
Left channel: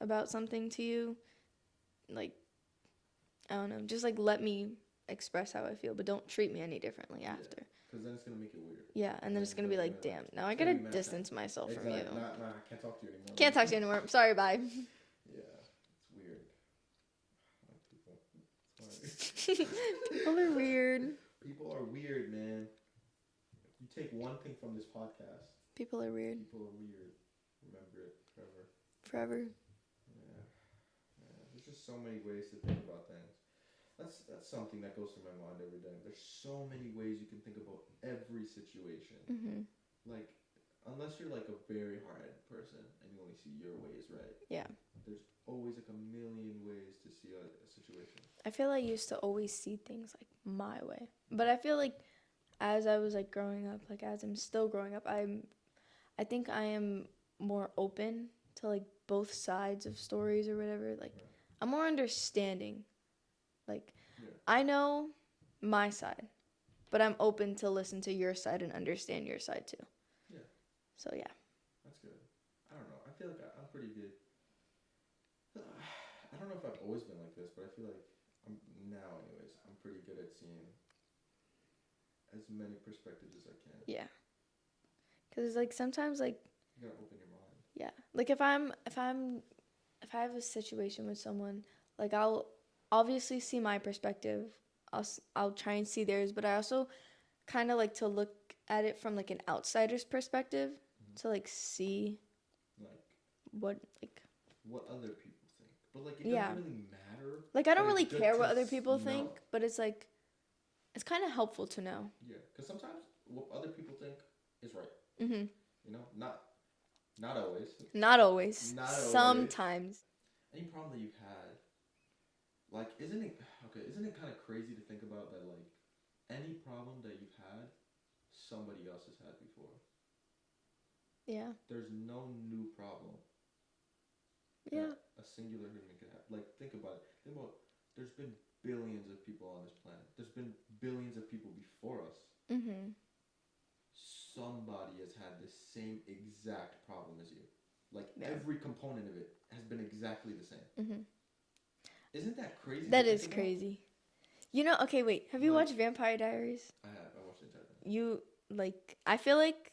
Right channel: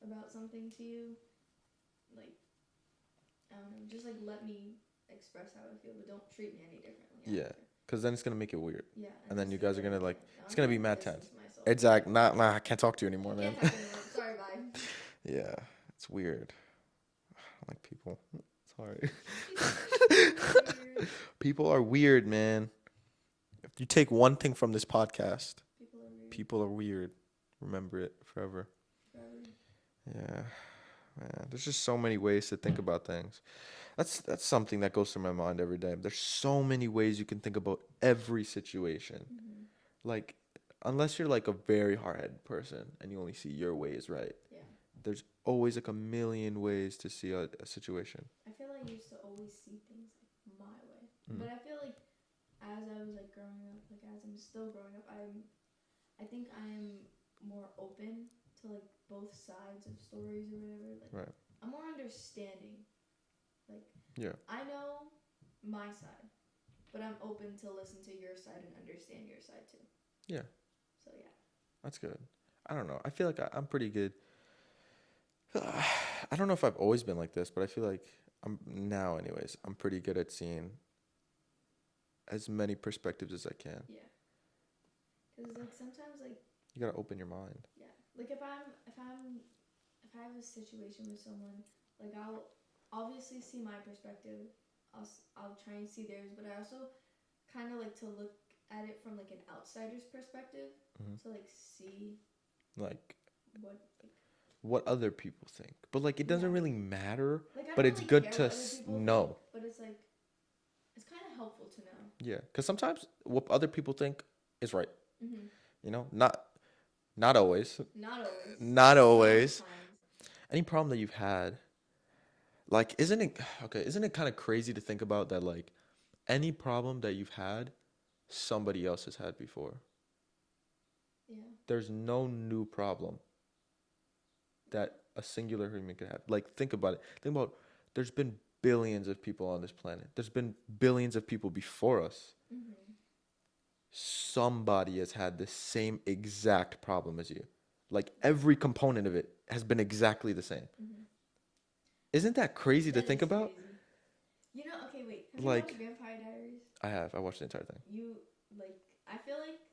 about something to you, like, I don't know, just like let me express how I feel, but don't treat me any differently after. Yeah, because then it's gonna make it weird. Yeah, and then you guys are gonna like, now it's I gonna gotta be mad distance myself. Exactly. Nah, I can't talk to you anymore. Can't talk to you anymore. Sorry, bye. Yeah, it's weird. I like people. Sorry. People are weird. People are weird, man. You take one thing from this podcast. People are weird. People are weird. Remember it forever. Forever. Yeah. Man, there's just so many ways to think about things. That's something that goes through my mind every day. There's so many ways you can think about every situation. Mm-hmm. Like, unless you're like a very hard-headed person and you only see your way is right. Yeah. There's always like a million ways to see a situation. I feel I used to always see things like my way. But I feel like as I was like growing up, like as I'm still growing up, I think I am more open to like both sides of stories or whatever. Like Right. I'm more understanding. Like Yeah. I know my side, but I'm open to listen to your side and understand your side too. Yeah. So yeah. That's good. I don't know. I feel like I'm pretty good. I don't know if I've always been like this, but I feel like I'm now anyways. I'm pretty good at seeing as many perspectives as I can. Yeah. Cuz like sometimes like You got to open your mind. yeah. Like if I have a situation with someone, like I'll obviously see my perspective. I'll try and see theirs, but I also kind of like to look at it from like an outsider's perspective to like see Like what other people think. But like it doesn't Yeah. really matter. like I don't but really it's good care to what other people know. think, but it's like it's kind of helpful to know. Yeah, cuz sometimes what other people think is right. Mhm. You know? Not always. Not always. Not always. Sometimes. Any problem that you've had, like, isn't it kind of crazy to think about that, like, any problem that you've had, somebody else has had before? Yeah. There's no new problem that a singular human could have. Like, think about it. Think about, there's been billions of people on this planet. There's been billions of people before us. Mhm. Somebody has had the same exact problem as you. Like, every component of it has been exactly the same. Mhm. Isn't that crazy That to think is about? crazy. You know, okay, wait. Have you Like- watched Vampire Diaries? I have. I watched the entire thing. You like I feel like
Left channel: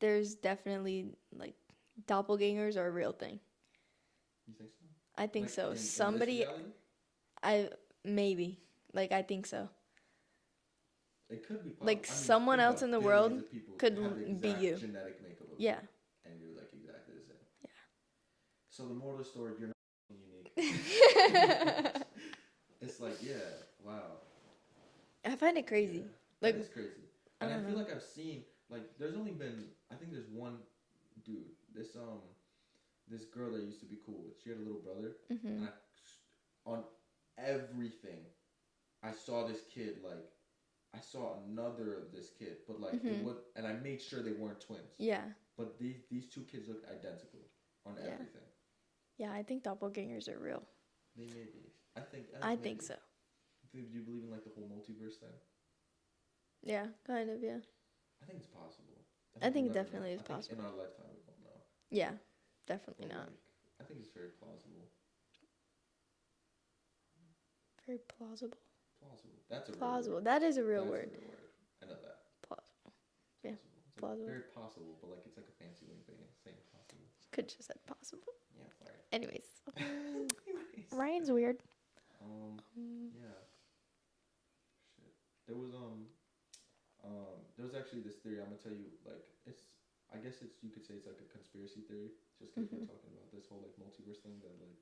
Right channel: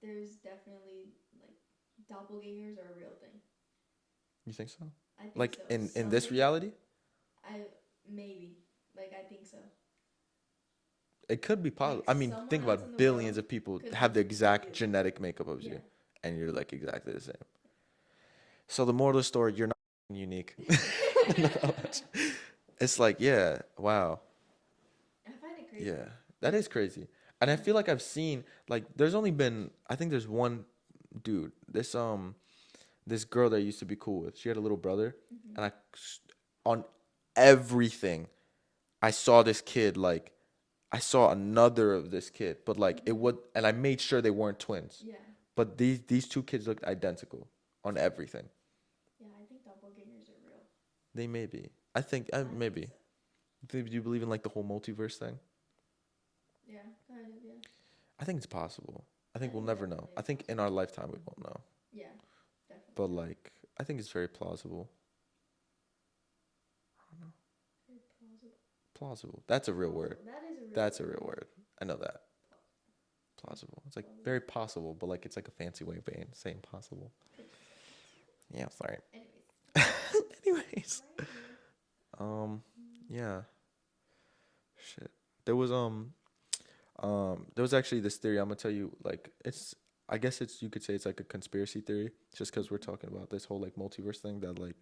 there's definitely like doppelgangers are a real thing. You think so? I think Like, so. in this reality? Maybe. Like I think so. It could be possible. Like, I mean, someone think else about in the billions world of people could have the be exact you. genetic makeup of Yeah. you. And you're, like, exactly the same. Yeah. So the moral of the story, you're not unique. It's like, yeah, wow. I find it crazy. Yeah, that is crazy. And I feel like I've seen, like, there's only been, I think there's one dude, this girl that I used to be cool with. She had a little brother, and on everything, I saw this kid, like, I saw another of this kid, but like it would, and I made sure they weren't twins. Yeah. But these two kids looked identical on everything. Yeah, I think doppelgangers are real. They may be. I think I maybe. think so. Do you believe in like the whole multiverse thing? Yeah, kind of, yeah. I think it's possible. I I think we'll think never know. definitely I it's think in our lifetime we won't know. Yeah, definitely. But not. like, I think it's very plausible. Very plausible. Plausible. That's a real Plausible. word. That is a real That's word. a real word. I know that. Plausible. Plausible. It's like plausible. very possible, but like it's like a fancy way of saying possible. Could just say possible. Yeah, sorry. Anyways. Anyways. Ryan's weird. Yeah. Shit. There was actually this theory. I'm gonna tell you, like, I guess you could say it's like a conspiracy theory, just because we're talking about this whole like multiverse thing. That like,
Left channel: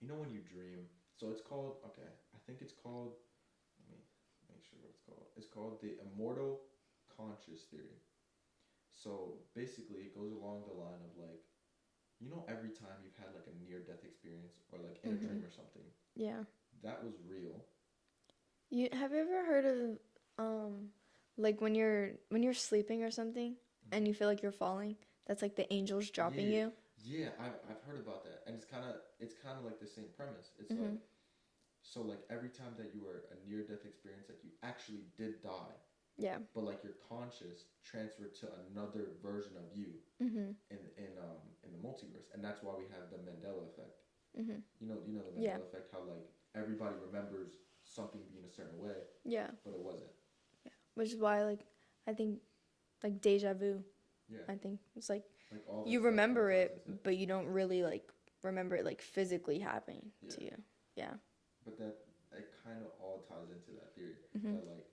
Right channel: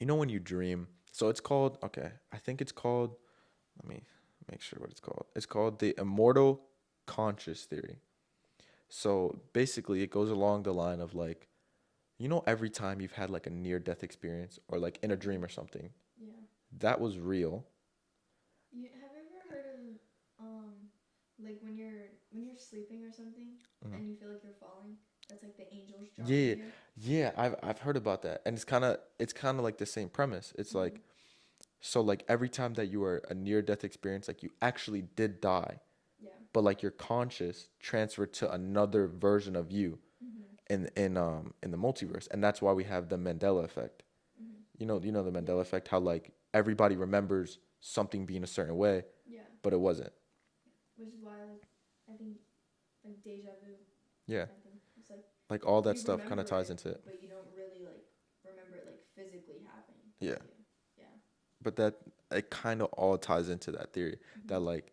you know when you dream. So it's called. Okay, I think it's called. Let me make sure what it's called. It's called the immortal conscious theory. So basically, it goes along the line of like, you know, every time you've had like a near-death experience or like in a dream or something, Yeah. that was real. Have you ever heard of like when you're sleeping or something and you feel like you're falling? That's like the angels dropping you. Yeah, I've heard about that, and it's kind of like the same premise. It's like, so like every time that you are a near-death experience, like you actually did die, Yeah. but like your conscious transferred to another version of you in the multiverse, and that's why we have the Mandela effect. You know the Mandela effect, how like everybody remembers something being a certain way, Yeah. but it wasn't. Yeah. Which is why like I think like deja vu. Yeah, I think it's like all that you stuff kind remember of ties it, into it. but you don't really like remember it like physically happening to you. Yeah. But that it kind of all ties into that theory that like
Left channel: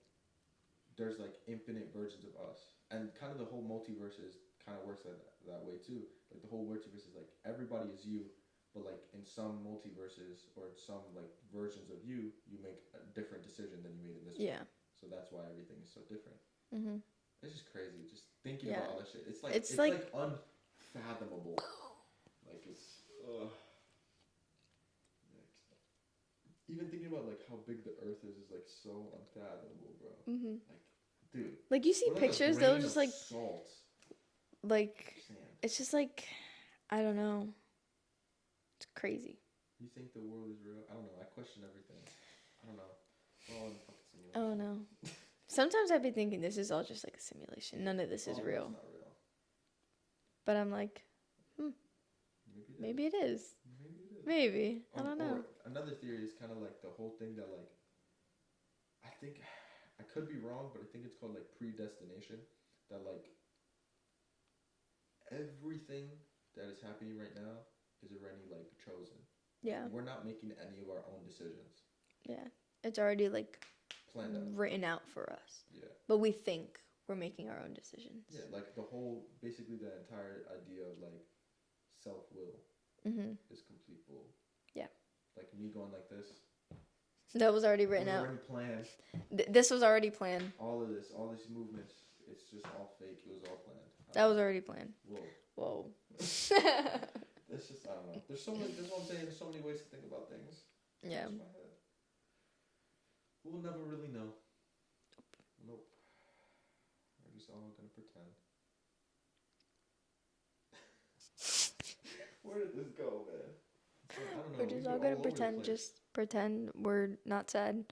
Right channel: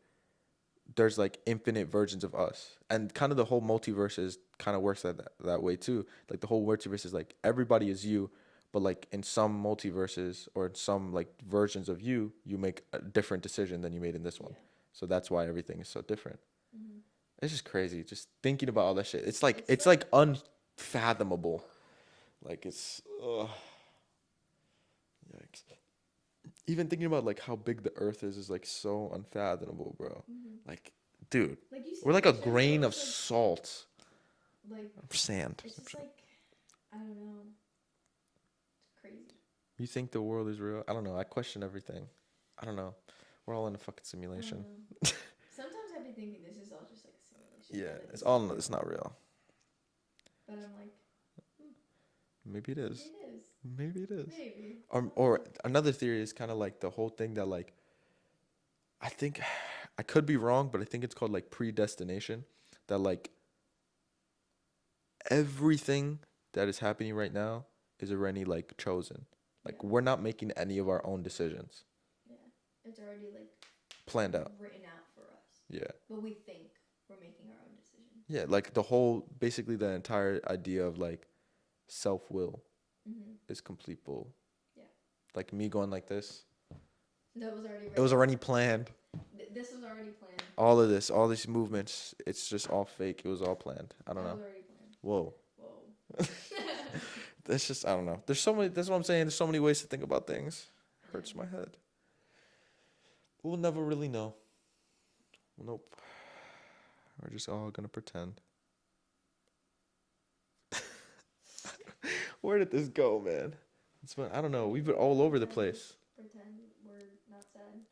there's like infinite versions of us, and kind of the whole multiverse is kind of works that way too. Like the whole multiverse is like everybody is you, but like in some multiverses or in some like versions of you, you make a different decision than you made in this one. Yeah. So that's why everything is so different. Mhm. It's just crazy just thinking Yeah. about all that shit. It's like It's like unfathomable. Like it's ugh. Yikes. Even thinking about like how big the earth is like so unfathomable, bro. Mhm. Like, dude, Like you see we're like pictures, a they'll grain of just, like salt, sand. it's just like I don't know. It's crazy. You think the world is real? I don't know. I question everything. I don't know. We're all in a fucking I simulation. don't know. Sometimes I'd be thinking this is all just like a simulation. Yeah, None of this it's is all real. it's not real. But I'm like, Maybe it is. maybe it is. Maybe it is. Maybe. I don't Or know. another theory is kind of like the whole thing that like I think I could be wrong, but I think it's called like predestination. That like everything that is happening right now is already like chosen. Like Yeah. we're not making any of our own decisions. Yeah. It's already like Planned out. written out for us. Yeah. But we think we're making our own decisions. Yeah, like the whole basically the entire idea of like self-will Mhm. is complete bull. Yeah. Like me going like this. That was already It written was out. already planned. This was already planned. All of this, all these movements, it's just all fake. It was all planned. I don't That was know. already planned. Whoa. Whoa. That's just I don't know. There's so many. That's what I'm saying. There's so many ways to think about things. Yeah. Hurts my head. We'll never really know. Nope. We're just all gonna pretend. Where did this go, man? I don't know. We're We've just been all all gonna over the pretend, place. just pretend we're not sad.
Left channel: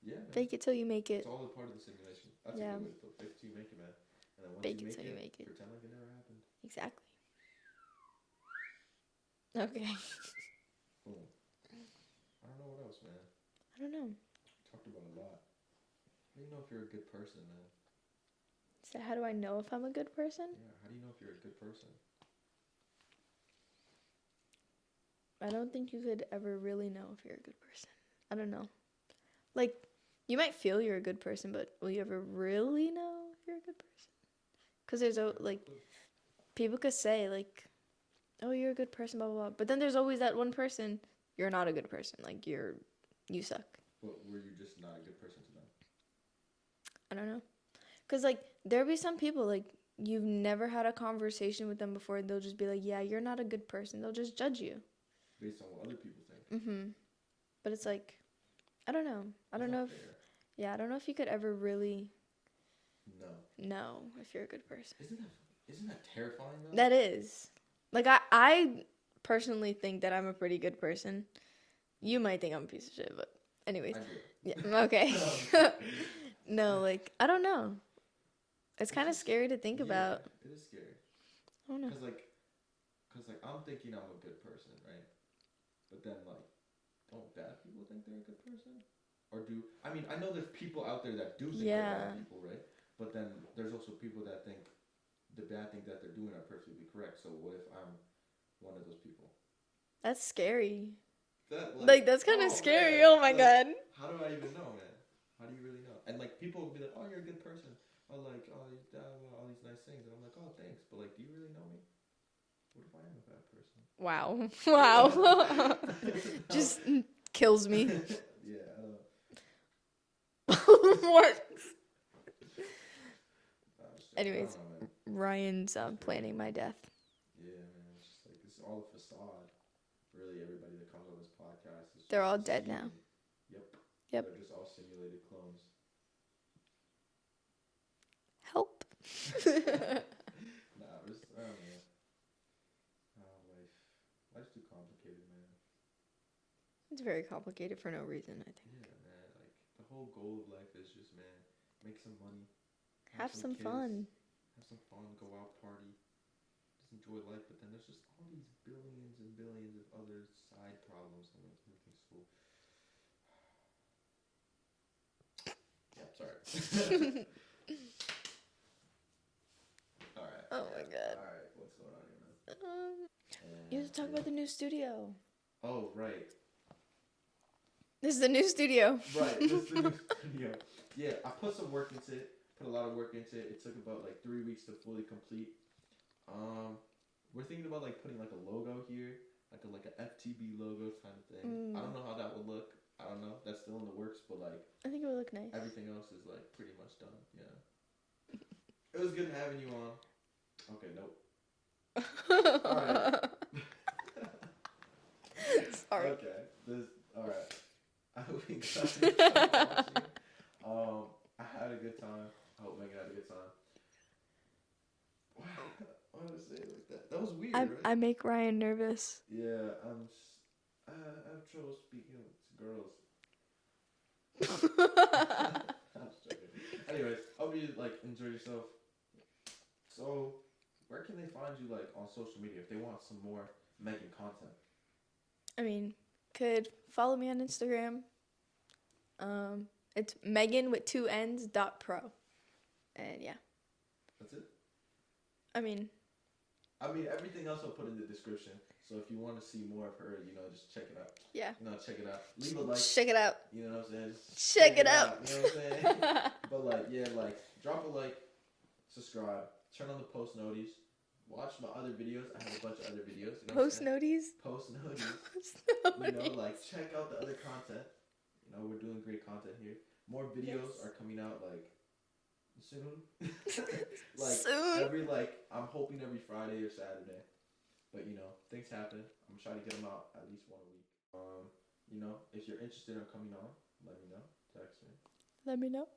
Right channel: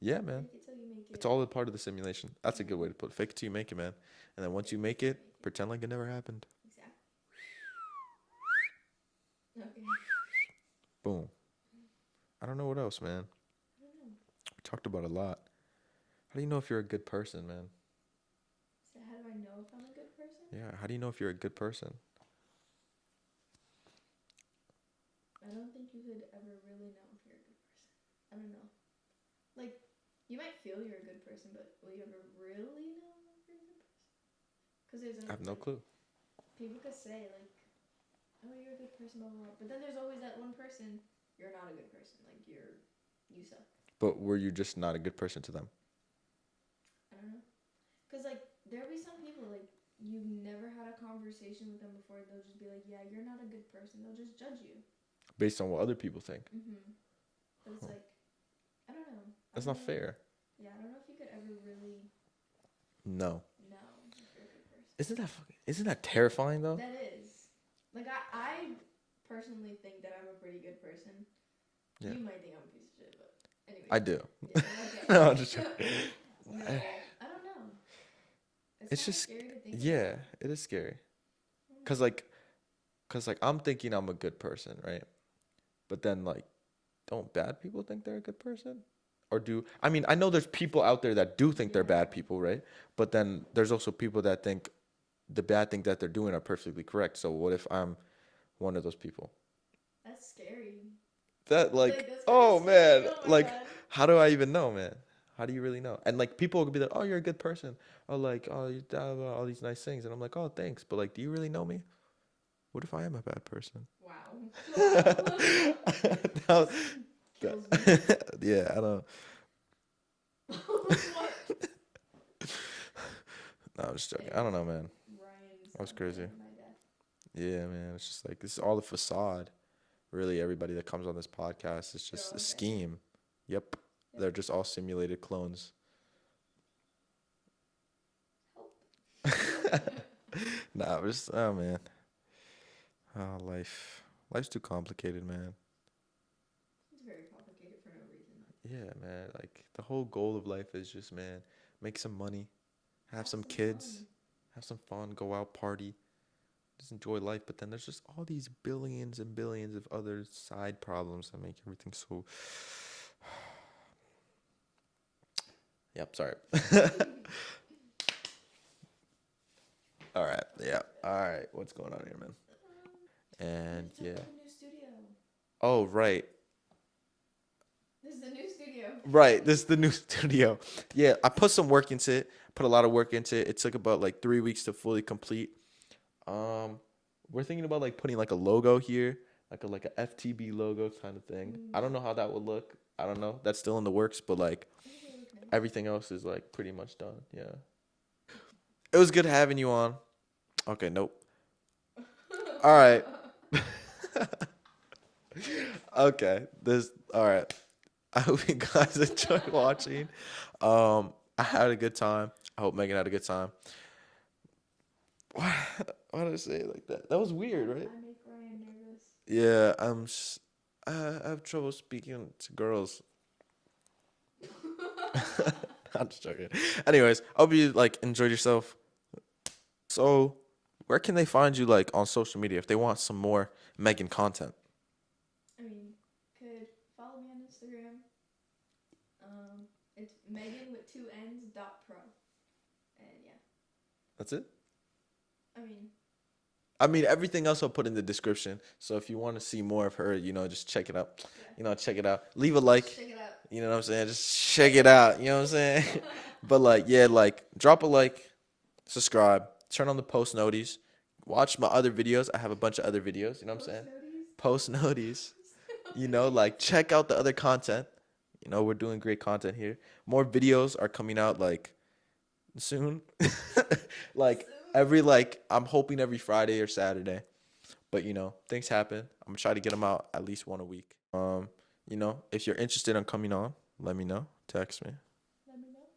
Yeah, man. Fake it till you make it. It's all a part of the simulation. That's a Yeah. good way to put it. Fake it till you make it, man. And then once Fake you it make till you it, make it. pretend like it never happened. Exactly. Okay. Boom. I don't know what else, man. I don't know. We talked about a lot. How do you know if you're a good person, man? So how do I know if I'm a good person? Yeah, how do you know if you're a good person? I don't think you could ever really know if you're a good person. I don't know. Like, you might feel you're a good person, but will you ever really know if you're a good person? Because there's I have no like clue. people could say like, "Oh, you're a good person," blah blah blah. But then there's always that one person, you're not a good person. Like you suck. But were you just not a good person to them? I don't know. Cause like there'll be some people like you've never had a conversation with them before. They'll just be like, "Yeah, you're not a good person." They'll just judge you. Based on what other people think. But it's like, I don't know. That's not fair. Yeah, I don't know if you could ever really No. know if you're a good person. Isn't that terrifying though? That is. Like I personally think that I'm a pretty good person. Yeah. You might think I'm a piece of shit, but anyway. I do. Yeah. Okay. No, I'm just- No, like I don't know. It's kind of just- scary to think Yeah, about. it is scary. I don't know. Cause I'm thinking I'm a good person, right? But then like, don't bad people think they're a good person? Or I mean, I know there's people out there that do think they're bad Yeah. people, right? But then there's also people that think the bad things that they're doing are perfectly correct. So what if I'm one of those people? That's scary. That Like that's kind of scary. man, Oh my like, god. How do I even know, man? How do you really know? And like people could be like, "Oh, you're a good person." Or like, "Oh, you have all these nice things," and I'm like, "Oh, thanks." But like, do you really know me? What if I am a bad person? Wow. Wow. No. Just kills me. Yeah, I don't. What? No, I'm just joking. I don't Anyways. know, man. Ryan's That's crazy. planning my death. Yeah, man. It's just like this is all the facade. Really, everybody that comes on this podcast is just They're all a dead now. scheme. Yep. Yep. They're just all simulated clones. Help. Nah, oh man. Oh, life's too complicated, man. It's very complicated for no reason, I think. Yeah, man. Like the whole goal of life is just, man, make some money, have some kids, fun. have some fun, go out, party, just enjoy life. But then there's just all these billions and billions of other side problems that make everything so. Yep, sorry. All right. Oh my Yep. God. All right. What's going on here, man? You And have to talk yeah. about the new studio. Oh, right. This is the new studio. Right, this is the new studio. Yeah, I put some work into it. Put a lot of work into it. It took about like 3 weeks to fully complete. We're thinking about like putting like a logo here, like a FTB logo kind of thing. I don't know how that would look. I don't know. That's still in the works, but like I think it would look nice. everything else is like pretty much done. Yeah. It was good having you on. Okay, nope. All right. Okay. All right. I hope you guys enjoyed watching. I had a good time. I hope Megan had a good time. Why did I say it like that? That was weird, right? I make Ryan nervous. Yeah, I have trouble speaking to girls. I'm just joking. Anyways, I hope you like enjoyed yourself. So, where can they find you like on social media if they want some more Megan content? I mean, could follow me on Instagram. It's Megan with 2 N's .pro. And yeah. That's it? I mean, everything else I'll put in the description. So if you want to see more of her, just check it out. yeah. Check it out. Leave a like. Check it out. You know what I'm saying? Just check it out. You know what I'm saying? But drop a like, subscribe, turn on the post noties, watch my other videos. I have a bunch of other videos. You know what I'm saying? Post noties. Check out the other content. We're doing great content here. More videos are coming out soon. Soon. I'm hoping every Friday or Saturday. But things happen. I'm gonna try to get them out at least one a week. If you're interested in coming on, let me know. Text me. Let me know.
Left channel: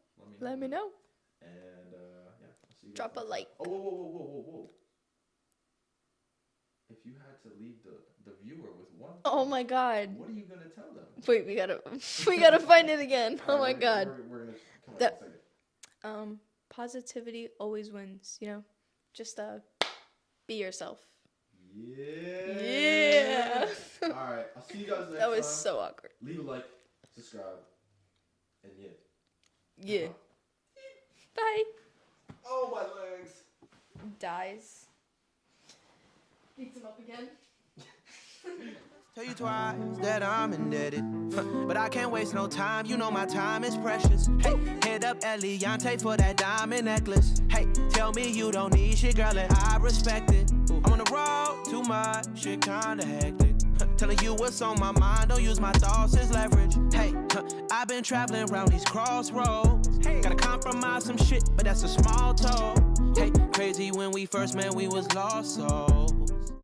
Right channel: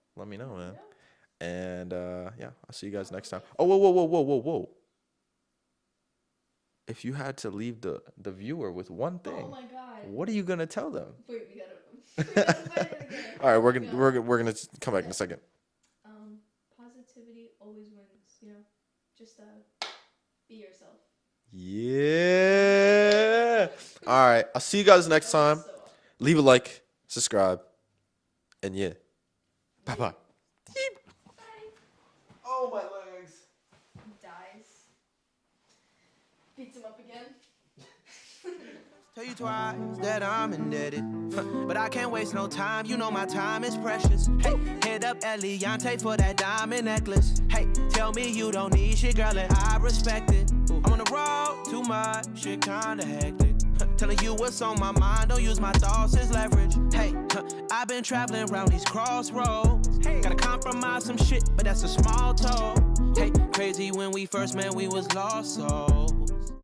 And yeah, I'll see you guys Drop a next time. like. Oh, whoa. If you had to leave the viewer with one thing, Oh my god. what are you gonna tell them? Wait, we gotta find it again. All right, Oh we're gonna come back in a second. Positivity always wins, Just be yourself. Yeah. All right, I'll see you guys next That time. was so awkward. Leave a like, subscribe, and yeah. Yeah. Bye. Bye. Oh, my legs. Dies. Beats him up again. Tell you twice that I'm indebted, but I can't waste no time. My time is precious. Hey, head up Eliante for that diamond necklace. Hey, tell me you don't need shit, girl, and I respect it. I'm on the road too much, shit kinda hectic. Telling you what's on my mind, don't use my thoughts as leverage. Hey, I've been traveling around these crossroads. Gotta compromise some shit, but that's a small toll. Hey, crazy when we first met, we was lost, so